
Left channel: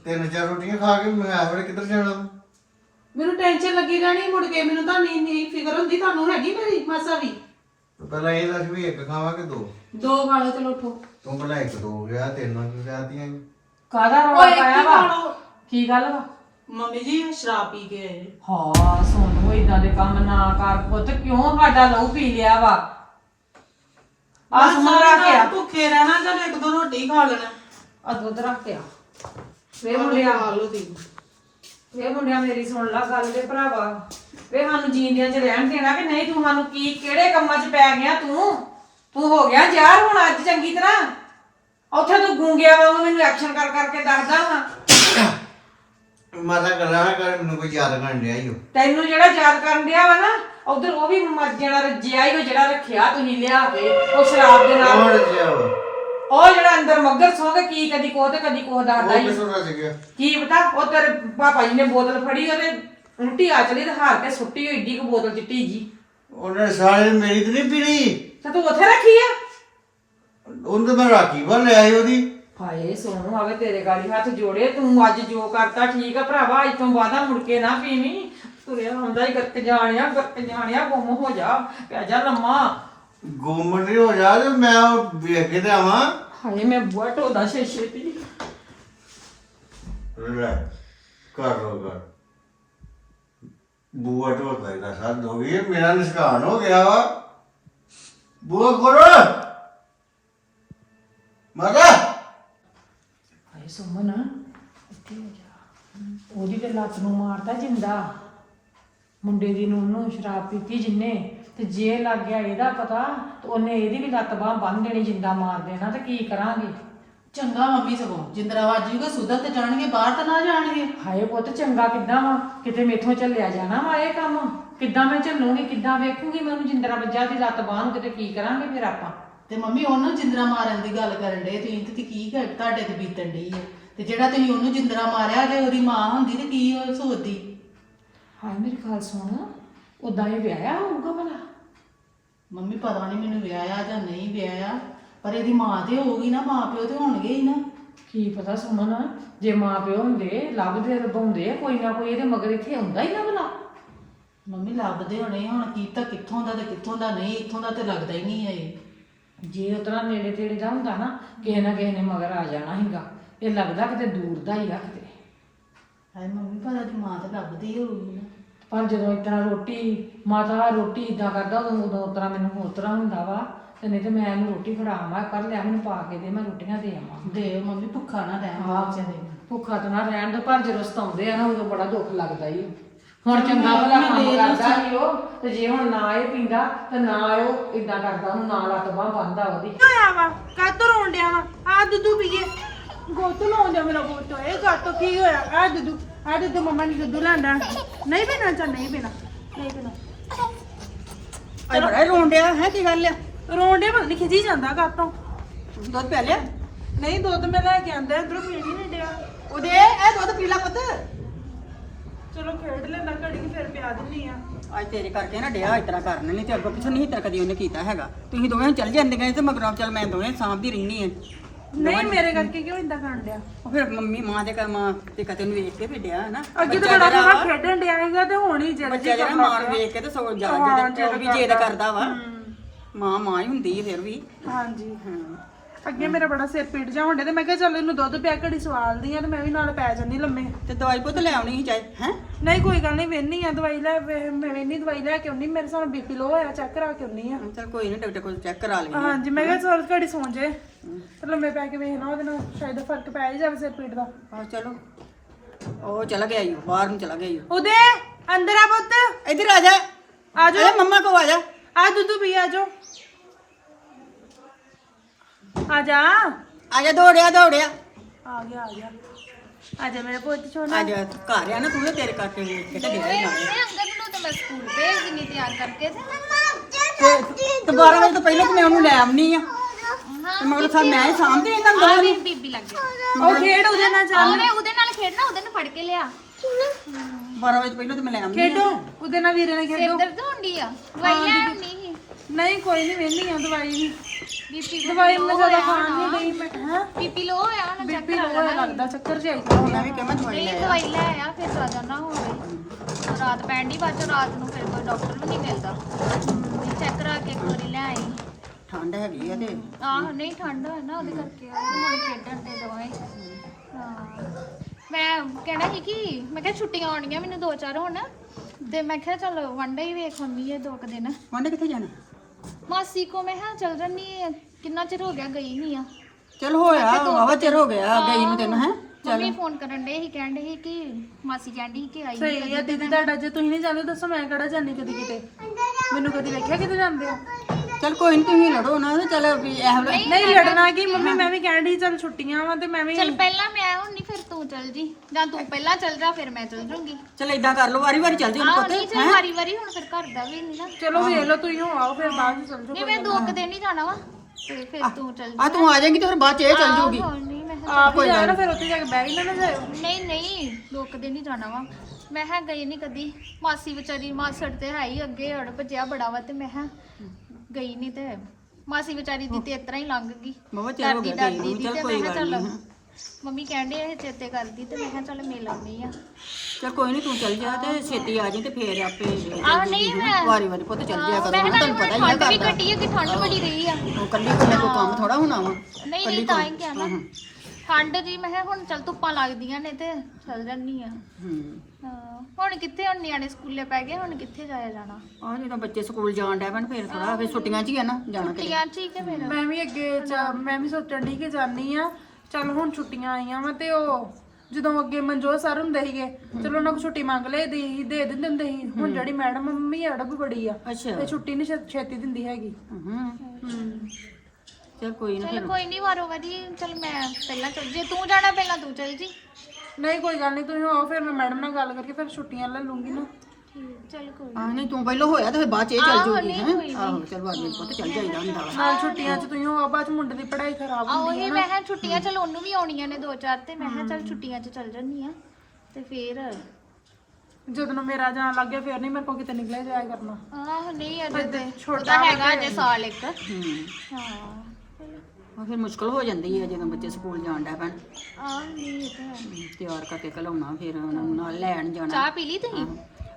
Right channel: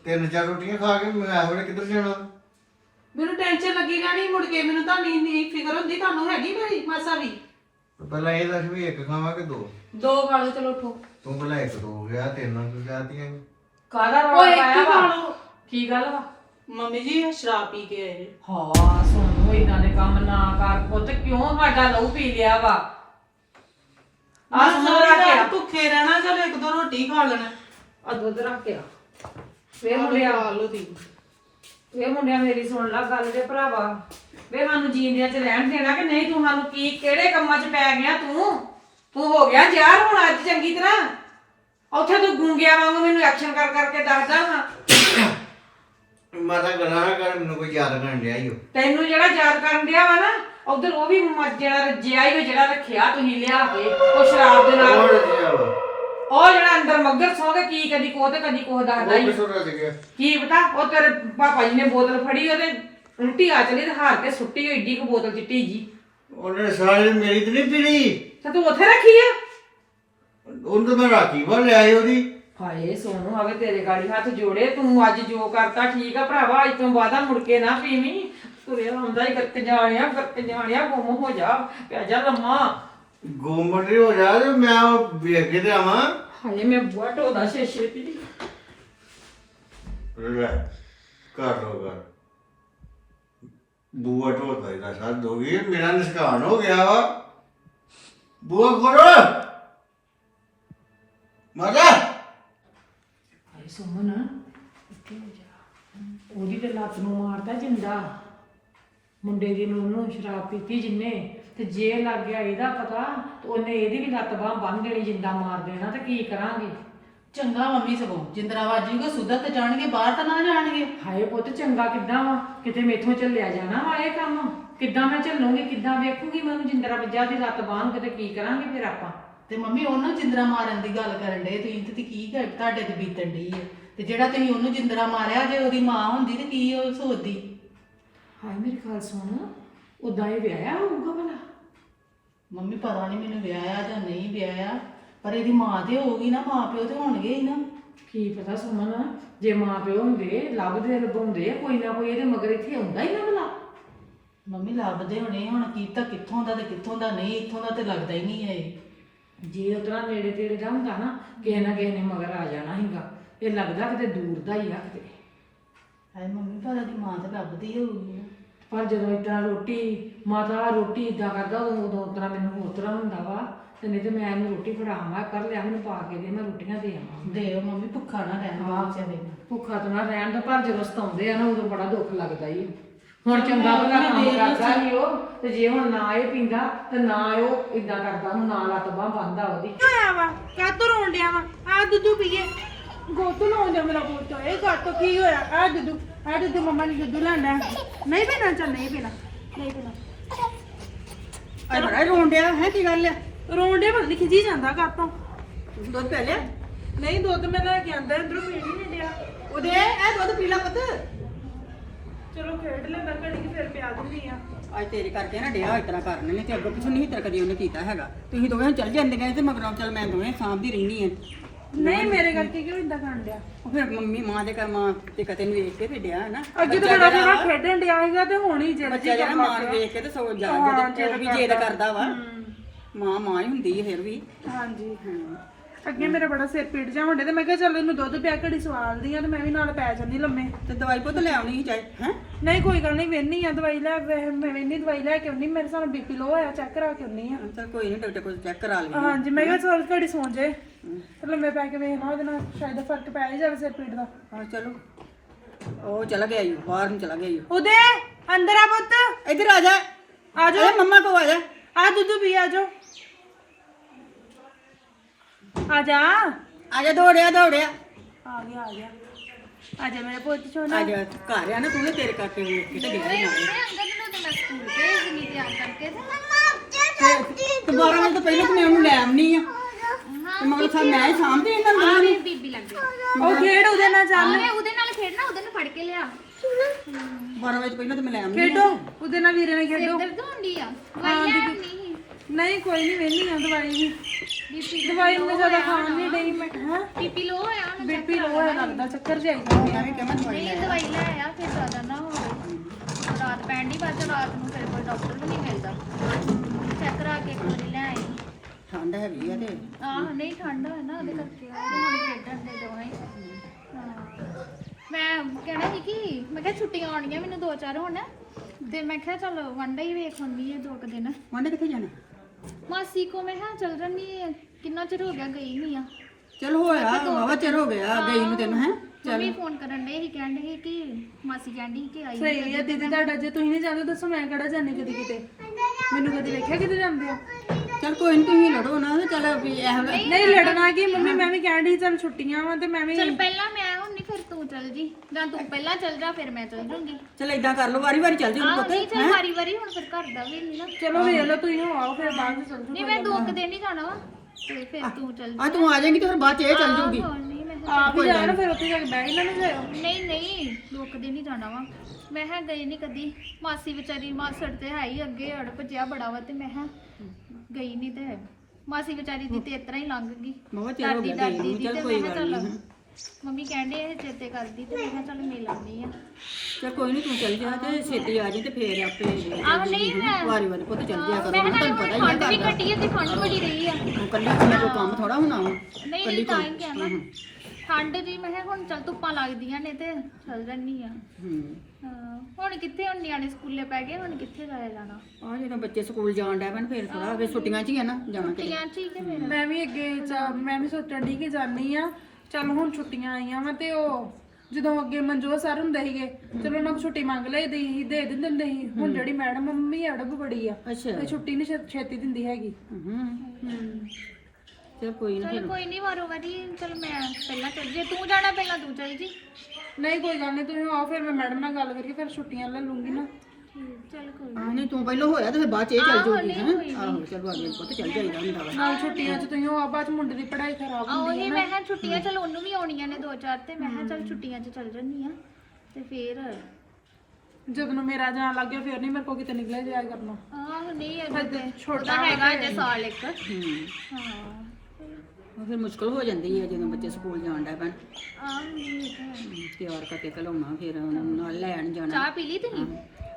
ਤਿੰਨ ਚਾਰ ਰੋਟੀਆਂ ਖਾ ਕੇ ਮੈਂ ਆਵੜੇ ਕਿੱਧਰ ਜਾਣਾ ਵਾ? ਮੈਨੂੰ ਟੈਨਸ਼ਨ ਲੱਗੀ ਰਹਿਣੀ ਮੁੜ ਕੇ ਮੈਨੂੰ ਤਾਂ ਨੀਂਦ ਨਹੀਂ ਫਿਕਰ ਹੁੰਦੀ ਤੁਹਾਨੂੰ ਹੈਗੀ ਮੇਰੀ ਮਾਸਾ ਵੀ? ਪਹਿਲਾਂ ਇਹ ਦੱਸ ਵੀ ਇੱਕ ਖਾਵਾਂ ਕਿ ਦੋ? ਦੋ ਖਾ ਲਓ ਚਲੋ ਉਠੋ। ਤੂੰ ਪਹਿਲਾਂ ਇੱਕ ਦੋ ਗਿਆ ਤਿੰਨ ਕਿਉਂ ਕਹਤੀਆਂ ਕਾਹਦਾ ਰੌਲਾ ਪਾਇਆ ਵਾ? ਕੀ ਗੱਲ ਵਾ? ਮੰਮੀ ਜੀ ਸ਼ਰਾਬ ਪੀ ਕੇ ਆਏ। ਹਾਂ ਸੋਨੂੰ ਇਦਾਂ ਦੇ ਕੰਮ ਨਾ ਕਰ ਪੁੱਤ ਕਿਉਂ ਸਾਡਾ ਲਹੂ ਪੀ ਲਿਆ ਵਾ? ਆ ਆ ਸੁਣ ਰੱਖ ਦਿਨ ਭੁੱਖੇ ਰਹਿਣਾ ਚਲ ਇੱਕ ਦੋ ਰੋਟੀ ਖਾ ਲੈਣਾ। ਆ ਦੁੱਧ ਰੱਖ ਕੇ ਆ। ਵੇ ਮੁੰਡਿਆ ਖਾ ਲਓ ਤੀ ਵੇ ਮੁੰਡਿਆ ਮੇਰੀ ਸੁਣ ਲੈ ਗੱਲ ਵੇ ਭਰਾਵਾ। ਵੇ ਸਾਨੂੰ ਜੀਂਦਿਆਂ ਚ ਰਹਿਣ ਦੇਣਾ ਕਿ ਨਹੀਂ? ਤੂੰ ਸਾਨੂੰ ਕੀ ਕਿਹੜੇ ਕੰਮਾਂ ਚ ਪੈ ਗਿਆ ਤੂੰ? ਤੂੰ ਹੋ ਗਿਆ ਯਾਰ ਹੁਣ ਅੱਜ ਚੰਗੀ ਤਰ੍ਹਾਂ? ਉੱਥੇ ਤੂੰ ਗੂੰਗਿਆ ਵਾਂਗੂ ਮੈਨੂੰ ਐਕਸ਼ਨ ਕਰ ਕਰਕੇ ਦੱਸਦਾ ਵਾ। ਮਾਤਾ ਗੱਲਾਂ ਕਰ ਮੈਨੂੰ ਕੋਈ ਯਾਦ ਕਰਨ ਡਿਆ ਈ ਓ। ਤੈਨੂੰ ਜਿਹੜਾ ਯਾਦ ਕਰਨ ਡਿਆ ਵਾ ਨਾ ਉਧਰ ਉਹ ਵੀ ਮਰ ਜਾਣਾ ਰੱਜਿਆ ਹੀ ਉਹ ਜਿਹੜਾ ਰੱਖਿਆ ਤੁਸੀਂ ਲਿਆ ਕੇ ਉਹ ਸ਼ਰਾਬ ਦੇ ਨਾਲ। ਹੋਰ ਜਿਆ ਵਾ। ਉਹ ਜਿਹੜਾ ਅੰਦਰ ਮੱਗਰ ਸੌਂ ਕੇ ਕੀ ਕਦੀ ਕੋਹ ਤੇ ਕਦੀ ਕੋਹ ਦੱਸਦਾ ਉਹ ਹੀ ਕਿਸੋਂ ਰਚ ਗਿਆ ਕੀ ਪਤਾ ਉਹ ਤੇਰੇ ਪਾਪਾ ਜੀ ਨੇ ਬੋਤਲ ਫੜੀ ਉਹਦੇ ਉਲਟੀ ਆ ਚਲੀ ਤੇ ਹਾਰ ਕੇ ਸੁੱਟੀ ਹੋਈ ਏਡੀ ਕੁ ਬੋਤਲ ਚਿੱਟੀ ਜੀ। ਉਹਨੇ ਸਾਲੇ ਮੇਰੀ ਤੇ ਨਹੀਂ ਪੀਣੀ। ਤੇ ਤੂੰ ਉੱਥੇ ਰੱਖੀ ਆ? ਉਹਨੂੰ ਤਾਂ ਮੈਂ ਰਾਖੀ ਵਾ ਲੈ ਆਈ ਉਹਦੀ। ਹਾਏ ਸੋਨੂੰ ਆਵੇ ਤੇਰੇ ਗਾੜੀ ਹੱਥ ਜੋੜੇ ਤੂੰ ਅੱਜ ਜੋ ਕਰਤਾ ਠੀਕ ਆ ਭਰਾਵਾ ਅੱਜ ਤੋਂ ਬਾਅਦ ਮੁੜ ਕੇ ਨਾ ਪੀਵੀਂ। ਤੁਰਿਆ ਹੁੰਦਾ ਹੀ ਗੱਕ ਜਾਣਿਆ ਗੱਕ ਜਾਣਿਆ ਗੁੰਮ ਹੋ ਜਾ ਪੈ ਜਾ ਲੰਮਾ। ਗੁੰਮ ਨਹੀਂ ਹੋ ਜਾ ਤੇ ਮੈਂ ਉਹ ਵੇਖ ਕੇ ਤੇ ਆਵਾਂ। ਹਾਏ ਮੈਂ ਬੁਆ ਢੋਦਾ ਛੇ ਛੇਤੀ ਲੈ ਕਰ ਲੋ ਕਰ ਬੂਆ ਢੋਲਦਾ ਇਹਦਾ ਸਾਧ ਹੋ ਗਈ ਮੇਰਾ ਨਿਸ਼ਕਾਨ ਹੋ ਗਿਆ ਵਾ। ਬੂਆ ਕਰੋ ਮਾਤਾ। ਸੁਮਨ। ਉੱਥੇ ਹੋ ਜਾ। ਉਹਦੀ ਤੇ ਲੱਤ ਨੂੰ ਮਾਰਦਾ ਜਿੰਦਾ। ਮੁੰਡੇ ਦੀ ਨੂੰ ਉਹਨੂੰ ਸ਼ਰਾਬ ਪੀਤੀ ਜਿੰਨੇ ਤੇ ਜੇ ਲੱਗ ਗਿਆ ਇਹਦਾ ਪਤਾ ਤੇ ਉਹਨੇ ਇਹਦੀ ਵੀ ਲੱਤ ਬਾਹ ਬੰਨ ਦੇਣੀ ਜਿੰਦਾ ਮਾਰ ਦੇਣਾ ਤੇ ਕੀ ਕਰਾਂਗੇ? ਚੰਗਾ ਮੰਮੀ ਸਗੋਂ। ਜਿੰਦਰਾ ਵਾਜੂਗਾ ਸੁਧਰ ਤੇ ਜਾਣਗੇ ਬਾਹਰ ਤਾਂ ਨਾ ਜਾਣਗੇ। ਹਾਏ ਪੁੱਤ ਚੰਗਾ ਕਿੱਦਾਂ ਵਾ? ਕਿਤੇ ਮੇਥੋਂ ਚੱਲਿਆ ਜਾਣਾ ਵਾ ਇਹ ਕੰਮ? ਕਿੱਦਾਂ ਮੈਂ ਚੱਲੂਗੀ ਕਿੱਦਾਂ ਵੇਖੂਗੀ ਮੈਨੂੰ ਜਿੰਦਰਾ ਵੱਜਾ ਦੀ ਲੱਤ ਬਾਹ ਨੂੰ ਕਿਤੇ ਕੀ ਕਰਾਂਗੇ ਫਿਰ ਆਪਾਂ? ਤੇ ਮੰਮੀ ਉਹਨੂੰ ਜਿੰਦਰਾ ਮਾਰਨ ਦੀ ਗੱਲ ਕਰਨ ਡੇ ਤੁਸੀਂ ਤੇ ਕੀ ਕਰ ਤੁਹਾਡੇ ਤੇ ਬੀਤਣ ਡਈ ਹੈ ਤੇ ਜਿਹੜਾ ਤੁਸੀਂ ਉਹਨੂੰ ਜਿੰਦਰਾ ਮਾਰਿਆ ਜੇ ਉਹਦੀ ਮਾਂ ਹੁੰਦੀ ਤੇ ਕੀ ਉਹ ਸੋਚਦੀ? ਹਾਏ ਮੇਰੀ ਗੱਲ ਸੁਣ। ਉਦਾਂ ਇਹ ਵਿਆਹਿਆ ਹੋਊਗਾ ਭਲਾ। ਮੰਮੀ ਪਤਾ ਨਹੀਂ ਮੈਨੂੰ ਵਿਆਹਿਆ ਜਾਂ ਨਹੀਂ ਵਿਆਹਿਆ ਪਰ ਇਹਦੀ ਮਾਂ ਤੇ ਹੋਊਗੀ ਨਾ ਮਾਂ ਪਿਓ ਤੇ ਹੋਣਗੇ ਹੀ ਨਾ। ਕੀ ਪਤਾ ਸੁਮਨ ਜੇ ਮਾਂ ਪਿਓ ਹੁੰਦੇ ਲੱਭਦੇ ਲਭਾਉਂਦੇ ਕੋਈ ਨਾ ਕੋਈ ਇਹਦੇ ਮਗਰ ਇੱਥੇ ਆਉਂਦਾ ਹੀ ਨਾ ਭਲਾ। ਮੰਮੀ ਲੱਭਦੇ ਹੋਣੇ ਹੁਣ ਕੀ ਤਾਂ ਕਿੱਥੋਂ ਦਾ ਤੇ ਕਿੱਥੋਂ ਦਾ ਨਹੀਂ ਇੱਥੋਂ ਦਾ ਤੇ ਲੱਗਦਾ ਹੀ ਨਹੀਂ ਹੈ ਇਹ। ਜੇ ਉਤਰਾ ਨੇੜੇ ਤੇੜੇ ਦਾ ਹੁੰਦਾ ਨਾ ਕਿਸੇ ਨਾ ਕਿਸੇ ਨੇ ਮਗਰ ਆ ਜਾਣਾ ਹੈਗਾ ਇਹ ਲੱਗਦਾ ਕਿਤੇ ਦੂਰ ਦਾ ਹੀ ਆ ਕਿਤੇ। ਹਾਏ ਮੰਮੀ ਪਤਾ ਦੀ ਮਾਂ ਤੇ ਲੱਭਦੀ ਹੋਊਗੀ ਨਾ। ਪਰ ਜਦੋਂ ਇਤਨਾ ਰੋਟੀ ਮਾਤਾ ਰੋਟੀ ਇਦਾਂ ਕਰਦਾ ਉਦੋਂ ਉਦੋਂ ਉਤਰਾ ਮੈਨੂੰ ਹੋਰ ਤਰ੍ਹਾਂ ਹੁੰਦਾ ਵਾ ਤੇ ਨਹੀਂ ਤੇ ਮੈਂ ਇਹਨੂੰ ਰੋਟੀ ਫੜਾਵਾਂ ਕਰ ਲਿਆ ਮੈਨੂੰ ਪਾ ਕੇ ਦੇ ਮੈਂ ਰੋਟੀਆਂ ਦੇ ਆਵਾਂ। ਦੇ ਮੰਮੀ ਭੁੱਖਾ ਨਾ ਰਹਿਣ ਵਿਚਾਰੇ ਭੁੱਖਾ ਤਾਂ ਨਾ ਰਹਿਣ ਦਾ ਪਰ ਜਦੋਂ ਸਤਾਉਂਦੇ ਆ ਨਾ ਉਦੋਂ ਬੜਾ ਦੁੱਖ ਲੱਗਦਾ ਈ। ਹੁਣ ਚੰਗਾ ਭਲਾ ਕੰਮ ਕਰਦਾ ਸੀ ਉਹ ਤੇ ਜੇ ਹੁਣ ਨਾ ਇਹ ਪੀਂਦਾ ਤੇ ਨਾ ਉਹ ਇਦਾਂ ਕਰਦਾ ਉਹਨੂੰ ਨਾ ਲੱਤ ਬਾਂਹ ਬੰਨਦਾ ਉਹਦੀ। ਹੋਇਆ ਵਾ? ਕਾਤੋਂ ਰੋਣ ਡਿਆ ਵਾ? ਆ ਦੁੱਧੂ ਪੀਏ। ਗੋਤੂ ਲਾਉਣ ਡਿਆ ਮੇਰਾ ਗੋਤੋ ਇਹ ਕਾਤੋਂ ਕੀ ਹੋਇਆ? ਆ ਦੁੱਧੂ ਆ ਦੁੱਧੂ ਮੰਮਾ ਨੇ ਦੁੱਧੂ ਲੈਂਦਾ ਨਹੀਂ ਪੀਣਾ ਚੱਲ ਨਹੀਂ ਪੀਣਾ ਨਹੀਂ ਪੀਣਾ। ਅੱਜ ਬੜਾ ਰੋਣ ਡਿਆ ਹੈ ਕੀ ਗੱਲ ਆ? ਰੋਣ ਡਿਆ ਪਤਾ ਨਹੀਂ ਖਿਜੀ ਜਾਂਦਾ ਕਾਤੋਂ ਦੁੱਧ ਪਿਆ ਲਿਆ? ਨਹੀਂ ਦੁੱਧ ਮੈਂ ਲੈ ਕੇ ਆਂਦਾ ਇਧਰੋਂ ਪੀ ਨਹੀਂ ਡਿਆ। ਉਹਦੇ ਇਹ ਦੁੱਧ ਪੀ ਲਾ ਪੁੱਤ। ਚਲੋ ਖੇਡ ਲੈ ਮੈਂ ਘੜੀ ਫਿਰ ਪਿਆ ਦਿੰਨੀ ਆ। ਅੱਜ ਤੇਰੇ ਕਰਕੇ ਨਾ ਡਿਆ ਇਸ ਤਰ੍ਹਾਂ ਕਰਨ ਨਹੀਂ ਤੇ ਅੱਗੋਂ ਪਿੱਛੋਂ ਨਹੀਂ ਤਰ੍ਹਾਂ ਕਦੀ ਉਹਨੇ ਕੀਤਾ ਹੈਗਾ। ਤੁਸੀਂ ਦੋਵੇਂ ਚੱਲ ਜਾਂਦੀਆਂ ਤੇ ਮਗਰੋਂ ਚੱਲ ਮੈਂ ਦੋਵੇਂ ਸਾਂਭਦੀ ਰਹਿਣੀ ਆ। ਨਹੀਂ ਮੇਰੇ ਕਰਕੇ ਕਿਉਂ ਇੰਦਾ ਕਰਨ ਡਿਆ? ਉਹ ਫਿਰ ਮੰਮੀ ਮਾਂ ਦੇ ਕਰਮਾਂ ਤੇ ਕਤੇ ਨੂੰ ਵੇਖ ਕੇ ਵੀ ਡਿਆ ਨਾ। ਅੱਗੇ ਤਾਂ ਬੜਾ ਥੋੜਾ ਖੇਡਣ ਡਿਆ ਹੈਗਾ ਤੇ ਹੁਣ ਹੀ ਜਿੱਦ ਬੱਚਾ ਜਿਹੜਾ ਮਾਂ ਨੂੰ ਵੇਖ ਕੇ ਤੇ ਸੋ ਜਾ ਜਿਹੜਾ ਵੀ ਜੇਦ ਕਰਦਾ। ਵਾ। ਮਾਂ ਮਾਂ ਹੀ ਹੁੰਦੀ ਹੈ ਫਿਰ ਵੀ। ਹਾਂਜੀ। ਹਾਂ। ਅੱਗੇ ਮੇਰਾ ਬੜਾ ਸਿਰ ਪੀੜ ਜਾ ਹੁੰਦੇ ਤੇ ਮੈਂ ਕਿਹਾ ਚੱਲ ਇਹਨੂੰ ਦੁੱਧ ਪਿਆ ਘੜੀ ਸਵਾਲਦੀ ਆ ਤੇ ਮੈਂ ਵੀ ਨਾਲ ਪੈ ਜਾਂਦੀ ਲੰਮੇ। ਤੇ ਦਵਾਈ ਪੁੱਤ ਲੈ ਆਉਣੀ ਸੀ ਚਾਹੇ ਹੈ? ਨਹੀਂ ਕੋਈ ਗੱਲ ਨਹੀਂ ਵੇਨੀ ਆ ਦਵਾਈ ਲੈ ਵੇ- ਮੈਂ ਵੇਨੀ ਦਵਾਈ ਲੈ ਕੇ ਆਉਣੀ ਮੇਰੇ ਸਾਨੂੰ ਬੀਪੀ ਲੋ ਹੋਇਆ ਚੈੱਕ ਕਰਾ ਕੇ ਆਉਣੀ ਆ। ਚਲ ਕੋਈ ਨਹੀਂ ਡਾਕਟਰ ਕੋਲ ਚੈੱਕ ਕਰਾ ਲਈ ਹਾਂਜੀ ਮੈਂ ਕਿਹਾ ਚੱਲ ਘੜੀ ਸੌਂ ਜੇ। ਤੇ ਲੰਮੇ ਪੈ ਕੇ ਵੇਖਣਾ ਉਹਦੇ ਨਾਲ ਸ਼ਾਇਦ ਫ਼ਰਕ ਪੈ ਹੀ ਜਾਵੇ ਸਿਰ ਪੀੜ ਦਾ। ਆ ਚਲੋ। ਉਹ ਚਲਾ ਗਿਆ ਓ, ਬਾਹਰ ਨੂੰ ਚਲਾ ਗਿਆ ਓ। ਉਹਦੇ ਅੰਦਰ ਆ ਪੁੱਤ। ਇੱਧਰ ਆ ਜਾ। ਆ ਇਹ ਮੰਮਾ ਕੋ ਆ ਜਾ। ਆ ਦੁੱਧ ਪੀ ਆ ਜਾਓ। ਆ ਜਾ। ਆ ਜਾ ਦੌੜਿਆ ਦੌੜਿਆ। ਆ ਗਿਆ ਆ ਗਿਆ। ਆ ਜਾ ਮੇਰੇ ਪੁੱਤ ਛੋਨਾ ਆ ਜਾ ਘਰ ਆ ਨਾ ਤੂੰ ਇਹ ਤੇਰੇ ਕਰਕੇ ਵੇਖ ਕੇ ਤੇ ਡਿਆ ਹੀ ਮੈਂ ਨੂੰ ਤੇ ਮੈਂ ਦਿੰਨੀ ਤਿਆਰ ਕਰਕੇ ਤੇ। ਤੇ 12 ਵਜੇ ਤੋਂ ਪਹਿਲਾਂ ਤੇ ਮੈਂ ਉਹਨੂੰ ਲੈ ਆਉਣੀ ਆ। ਤੇ ਮਗਰ ਸਾ ਮੈਂ ਹੀ ਸਾਂਭਦੀ ਇਹਨਾਂ ਨੂੰ ਦੋਵਾਂ ਨੂੰ ਬੀਬੀ ਲੱਗ ਗਈ। ਉਹ ਖੇਡ ਉਹਦੇ ਨਾਲ ਚੱਲ। ਉਹਨੇ ਉਹਦੇ ਨਾਲ ਖੇਡਣਾ ਉਹਦੇ ਨੂੰ ਫੜ ਕੇ ਲਿਆ। 12 ਵਜੇ ਤੋਂ ਪਹਿਲਾਂ ਤੇ ਮੈਂ ਲੈ ਆਉਣੀ ਖੇਡੋ ਉਹਦੇ ਨਾਲ ਵੀਰੇ ਨਾਲ ਖੇਡੋ। ਦਰਦ ਹੁੰਦੀ ਆ। ਦਵਾਈ ਲੈਣ ਨਹੀਂ ਨਹੀਂ ਕੋਈ ਨਹੀਂ ਵੇਨੀ ਆ ਦਵਾਈ ਵੀ। ਬੀਪੀ ਦਵਾਈ ਮੈਂ ਜ਼ਿਆਦਾ ਖਾਣ ਨਹੀਂ ਡਈ ਮੈਂ ਹਾਂ? ਬੀਪੀ ਲੋ ਹੋਇਆ ਹੁਣ ਬੀਪੀ ਲੋ ਹੋਇਆ ਲੱਗਦਾ ਚੱਕਰ ਜਿਹਾ ਆਈ ਜਾਂਦਾ ਮੈਂ ਵੀ ਕਿਹਾ ਮੈਂ ਦਵਾਈ ਨਹੀਂ ਲੈ ਦਵਾਈ ਲੈ ਆ ਫਿਰ ਸੋ ਜਾਣਾ ਹੋਵੇ। ਰਾਤ ਪੈਣ ਦੀ ਬਾਅਦ ਚੋਂ ਰਾਤ ਨੂੰ ਫਿਰ ਕੋਈ ਡਾਕਟਰ ਵੀ ਨਹੀਂ ਮਿਲਦਾ। ਚੈੱਕ ਕਰਾ ਕੇ ਵਾਰੀ ਲੈ ਆਈ। ਠੰਡ ਹੈਗੀ ਆ ਤੇ। ਆਹ ਨਹੀਂ ਠੰਡ ਹੈ ਨਾ ਉਹਦੇ ਕਰਕੇ ਆ। ਹੁਣ ਖੇਡਣ ਦੇ ਦੋਵੇਂ। ਹਾਂ। ਮੈਂ ਕਹਿਣਾ ਸੀ ਕਿ ਮੈਂ ਕਿਹਾ ਛੁੱਟੀਆਂ ਆਉਣਗੀਆਂ ਮੈਨੂੰ ਦੋ ਚਾਰ ਹੁਣ। ਤੇ ਮੈਂ ਕਿਹਾ ਚੱਲ ਵਨਡੇ ਹੀ ਵੇਖ ਆਉਂਦੀ ਹੈ ਦੋ ਕੁ ਦਿਨ। ਮੰਡੇ ਕਿੱਥੇ ਜਾਣਾ? ਮਾਸੀ ਕੋ ਮੈਂ ਹਾਂ ਚੱਲ ਜੰਨੀ ਕਿੰਨਾ ਚਿਰ ਹੋ ਗਿਆ ਗਈ ਨਹੀਂ ਆ। ਚਲ ਹੋਇਆ ਵਾਵਾ ਚਿਰ ਹੋ ਗਿਆ ਗਈ ਨੂੰ ਤੈਨੂੰ ਹੈ? ਮੰਮੀ ਫੋਨ ਕਰਨ ਦੇ ਸੀ ਕਹਿਣ ਦੇ ਕਿ ਮਾਸੀ ਕਹਿੰਦੀ ਕਿ ਆਈ ਸਹੀ ਆ ਦੀਦੀ ਤੁਹਾਡਾ ਜੇ ਤੁਸੀਂ ਨਹੀਂ ਜਾਂਦੇ ਦੱਸੋ ਮੈਂ ਕਿਹੜਾ ਜਾਂਦੀ ਕਦੀ ਕਿਤੇ? ਮੈਨੂੰ ਕਦੀ ਵੇਖਿਆ ਕਿਤੇ ਜਾਂਦੇ ਆ? ਚਲ ਕੋਈ ਨਹੀਂ ਤੁਸੀਂ ਲੜੋ ਨਾ ਤੇ ਚਲ ਵੀ ਇਹ ਨਹੀਂ ਲੜਨਾ ਕੀ? ਮੰਮੀ ਮੈਂ ਵੀ ਕਹਿਣ ਦੀ ਚੱਲ ਛੁੱਟੀਆਂ ਵਾ ਤੇ ਮੈਂ ਵੀ ਚੱਲ ਪਹਿਲਾਂ ਮੈਂ ਹੁਣ ਨਹੀਂ ਫਿਰ ਤੂੰ ਚੱਲ ਜੀ। ਜਾਂ ਤੂੰ ਪਹਿਲਾਂ ਚੱਲ ਜਾ ਫਿਰ ਮੈਂ ਚੱਲ ਜੂੰਗੀ ਚਲ ਇਦਾਂ ਕਰ ਲਓ ਵਾਰੀ ਵਾਰੀ ਚੱਲ ਜਿਓ ਪੁੱਤ ਨਹੀਂ ਚੱਲ ਵਾਰੀ ਵਾਰੀ ਹੁਣ ਫਿਰ ਘਰ ਦਾ ਵੀ ਨਹੀਂ ਨਾ। ਚਲੋ ਵੇਖ ਲਓ ਤੁਸੀਂ ਹੋ ਆਓ ਫਿਰ ਬਾਅਦ ਵਿੱਚ ਚੱਲ ਜਾਓ ਨਹੀਂ ਮੈਂ ਦੋ ਕੁ ਦਿਨ ਹੀ ਜਾਣਾ ਵਾ ਤੇ ਫਿਰ ਤੂੰ ਚੱਲ ਆ ਤੂੰ ਆ ਜਾਏਂਗੀ ਤੇ ਫਿਰ ਬਾਅਦ ਚ ਇਹ ਚੱਲ ਨਹੀਂ ਮੈਂ ਆਪ ਹੀ ਨਾ। ਫਿਰ ਉੱਥੇ ਜਾ ਕੇ ਬਹਿ ਹੀ ਨਾ ਜਾਇਓ। ਨਹੀਂ ਨਹੀਂ ਦੋ ਕੁ ਦਿਨ ਹੀ ਜਾਣਾ ਵਾ। ਮੈਂ ਹਾਂ ਗਈ ਨਹੀਂ ਕਦੀ। ਮਾਸੀ ਵਿਚਾਰੀ ਮਾਸੜ ਤੇ ਹੈ ਹੀ ਅੱਗੇ ਅੜ ਭਜਿਆ ਬੜਾ ਵਾ ਤੇ ਮੈਂ ਹਾਂ ਗਈ ਨਹੀਂ ਤੇ। ਮਾਸੀ ਵਿਚਾਰੀ ਦੀ ਤੇ ਇਤਰਾ ਹੀ ਲੰਘ ਗਈ। ਬਹੁਤ ਚਿਰ ਹੋ ਗਿਆ ਗਈ। ਨੂੰ ਚਲ ਕੋਈ ਗੱਲ ਨਹੀਂ। ਮੰਮੀ ਕਹਿੰਦੇ ਇਹ ਚੇਤੇ ਕਰਦੀ ਤੇ ਮੈਂ ਕਿਹਾ ਚੱਲ ਮਿਲ ਆਉਂਦੀ ਆ। ਚਲ ਕੋਈ ਨਹੀਂ ਤੂੰ ਚੱਲ ਜਾ ਤੇ ਛੇਤੀ ਆ ਜੀ ਤੇ ਫੇਰ ਆਪੇ ਆਹ ਨਹੀਂ ਮੈਂ ਵਾਰੀ ਵਾਰੀ ਪੁੱਤ ਚੱਲ ਜਾ ਕਰੋ ਤੁਹਾਨੂੰ ਪਤਾ ਹੀ ਹੈ ਘਰ ਦਾ। ਹੈ ਕਿ ਠੰਡ ਬੜੀ ਰਹੀ ਆ। ਉਹ ਕੱਲੀ ਕੋਨੇ ਤੋਂ ਕੰਮ ਥੋੜਾ ਹੋਣਾ ਵਾ? ਨਹੀਂ ਨਹੀਂ ਤਾਂ ਹੀ ਕਿਹਾ ਮੈਂ। ਠੰਡ ਜੀ ਮੈਂ ਕਿਹਾ ਹੁਣ ਚੱਲ ਧੁੱਪਾਂ ਲੱਗਦੀਆਂ ਨੇ ਤੇ ਚੱਲ ਜੰਨੀ ਆ। ਹੂੰ। ਹਾਂ ਹੁਣ ਕਿੱਥੇ ਹੁਣ ਨਿਆਣੇ ਸਕੂਲੇ ਪੈ ਗਏ ਹੁਣ ਕਿੱਥੇ ਜਾਇਆ ਜਾਣਾ? ਆ ਜਦੋਂ ਬੱਚੇ ਸਕੂਲ ਜਾਣ ਡੈ ਪੈਣ ਫੇਰ ਥੋੜਾ ਫੇਰ ਛੁੱਟੀਆਂ 'ਚ ਹੀ ਆ ਨਾ ਜਾਣਾ ਕਿਤੇ। ਛੁੱਟੀਆਂ ਠੀਕ ਹੈ ਮੇਰਾ ਮੈਂ ਵੀ ਅੱਗੇ ਜਾ- ਮੈਂ ਵੀ ਸੋਚਣ ਦੀ ਕਿ ਜਾਨੀ ਆ। ਚੱਲ ਹੁਣ ਛੁੱਟੀਆਂ ਆਈਆਂ ਵਾ ਤੇ ਉਹ ਜਦੋਂ ਅੱਗੇ ਮਨਜੋਤ ਸਰ ਹੁੰਦੇ ਸੀਗੇ ਚਲੋ ਉਹਨਾਂ ਕੋ ਛੁੱਟੀ ਮੰਗ ਲਈ ਦੀ ਸੀ ਦੇ ਦਿੰਦੇ ਹੁੰਦੇ ਸੀ। ਹੁਣ ਜਿਹੜੀ ਮੈਡਮ ਮੰਮੀ ਅੜਬ ਬੜੀ ਆ ਅੱਛਾ। ਤੇ ਛੁੱਟੀ ਨਹੀਂ ਛੇ- ਛੇਤੀ ਦਿੰਦੀ ਹੈਗੀ। ਹੂੰ। ਹੂੰ। ਚਲ ਕੋਈ ਨਾ ਚਲ ਕੋਈ ਨਹੀਂ ਵਾਰੋ ਵਾਰੀ। ਚਲ ਮੈਂ ਪਹਿਲਾਂ ਚੱਲ ਜੇ ਤੂੰ ਜਾਣਾ ਪਹਿਲਾਂ ਤੂੰ ਚੱਲ ਜੀ। ਨਹੀਂ ਕੋਈ ਗੱਲ ਨਹੀਂ ਤੁਸੀਂ ਆਓ ਫਿਰ ਮੈਂ ਮੈਡਮ ਨਾਲ ਗੱਲ ਕਰਕੇ ਫਿਰ ਛੁੱਟੀਆਂ ਲੈ ਲੂੰਗੀ ਨਾ। ਚਲ ਕੋਈ ਆ ਨਹੀਂ ਤੂੰ ਪਹਿਲਾਂ ਹੋਇਆ ਤੇ ਫਿਰ ਬਾਅਦ 'ਚ ਇਹ ਚੱਲ ਜੂਗੀ ਹੈ? ਆਹੋ ਚਲ ਵਾਗੇ ਪੁੱਤ ਚੱਲ ਜਾਈਦਾ ਹੁੰਦਾ ਵਾ ਨਾਲ ਛੁੱਟੀਆਂ 'ਚ ਤੁਸੀਂ ਉਹ ਬਾਅਦ 'ਚ ਮੁੰਡੇ ਦੀ ਪੜ੍ਹਾਈ ਖਰਾਬ ਆ ਹੁੰਦੀ ਉਹੀ ਮੈਂ ਕਿਹਾ ਛੁੱਟੀਆਂ ਚਲ ਉਹਨੂੰ ਵੀ ਆਉਣੀਆਂ ਨੇ ਦੋ ਚਾਰ ਤੇ ਮੈਂ ਕਿਹਾ ਚੱਲ ਛੁੱਟੀਆਂ 'ਚ ਚੱਲ ਜੰਨੀ ਆ ਤੇ ਫੇਰ ਜਦੋਂ ਨੂੰ ਮੇਰਾ ਜਾਣ ਲੱਗ ਗਿਆ ਫਿਰ ਨਹੀਂ ਮੇਰੇ ਕੋ ਕਿਤੇ ਨਿਕਲਿਆ ਜਾਇਆ ਕਰਨਾ। ਆਹ ਨਹੀਂ ਅਜੇ ਤੇ ਛੋਟਾ ਛੋਟਾ ਹੈਗਾ ਅਜੇ ਸਾਲ ਇੱਕ। ਹੂੰ। ਹਾਂ। ਉਹ ਫਿਰ ਮੁਸ਼ਕਲ ਹੋ ਜਾਂਦੀ ਹੈ ਜਦੋਂ ਬੱਚੇ ਸਕੂਲ ਜਾਣ ਡੈ ਪੈਣ। ਹੈ। ਤਿਆਰ ਕਰਕੇ ਘਲਾਉਣਾ ਫਿਰ ਉਹਨਾਂ ਨੂੰ ਨਾਲ ਲੈਣ ਜਾਣਾ। ਚਾਹ ਪੀ ਲਈ ਤੁਸੀਂ?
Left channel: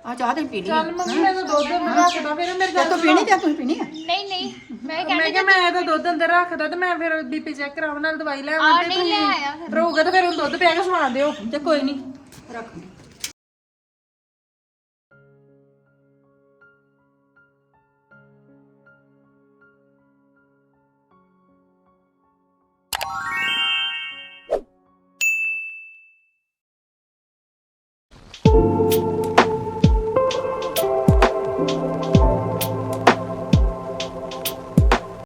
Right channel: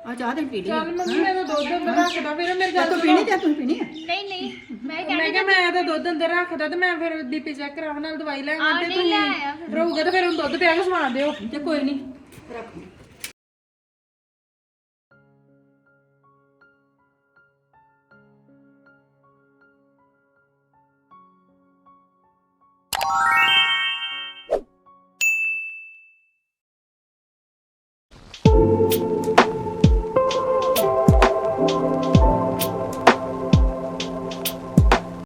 ਆ ਚਾਹ ਤੇ ਪੀ ਲਈ ਚੱਲ ਮੰਮੀ ਮੈਂ ਤਾਂ ਦੁੱਧ ਮੈਂ ਰੱਖਦਾ ਫਿਰ ਮੇਰੇ ਤੇ ਤੂੰ ਪੀਣੀ ਤੇ ਤੂੰ ਪੀਣੀ ਆ? ਨਹੀਂ ਨਹੀਂ ਮੈਂ ਮੈਂ ਕਿਹਾ ਮੈਂ ਤਾਂ ਦੁੱਧ ਅੰਦਰ ਰੱਖਦਾ ਤੇ ਮੈਂ ਫਿਰ ਬੀਪੀ ਚੈੱਕ ਕਰਾਉਣ ਨਾਲ ਦਵਾਈ ਲੈ ਆਵਾਂ ਤੇ ਤੁਸੀਂ ਰਹੂਗਾ ਤੇ ਫਿਰ ਹੁਣ ਦੁੱਧ ਪਿਆ ਕੇ ਸਵਾ ਦਿਓ ਤੇ ਕੋਈ ਨਹੀਂ। ਰੱਖ।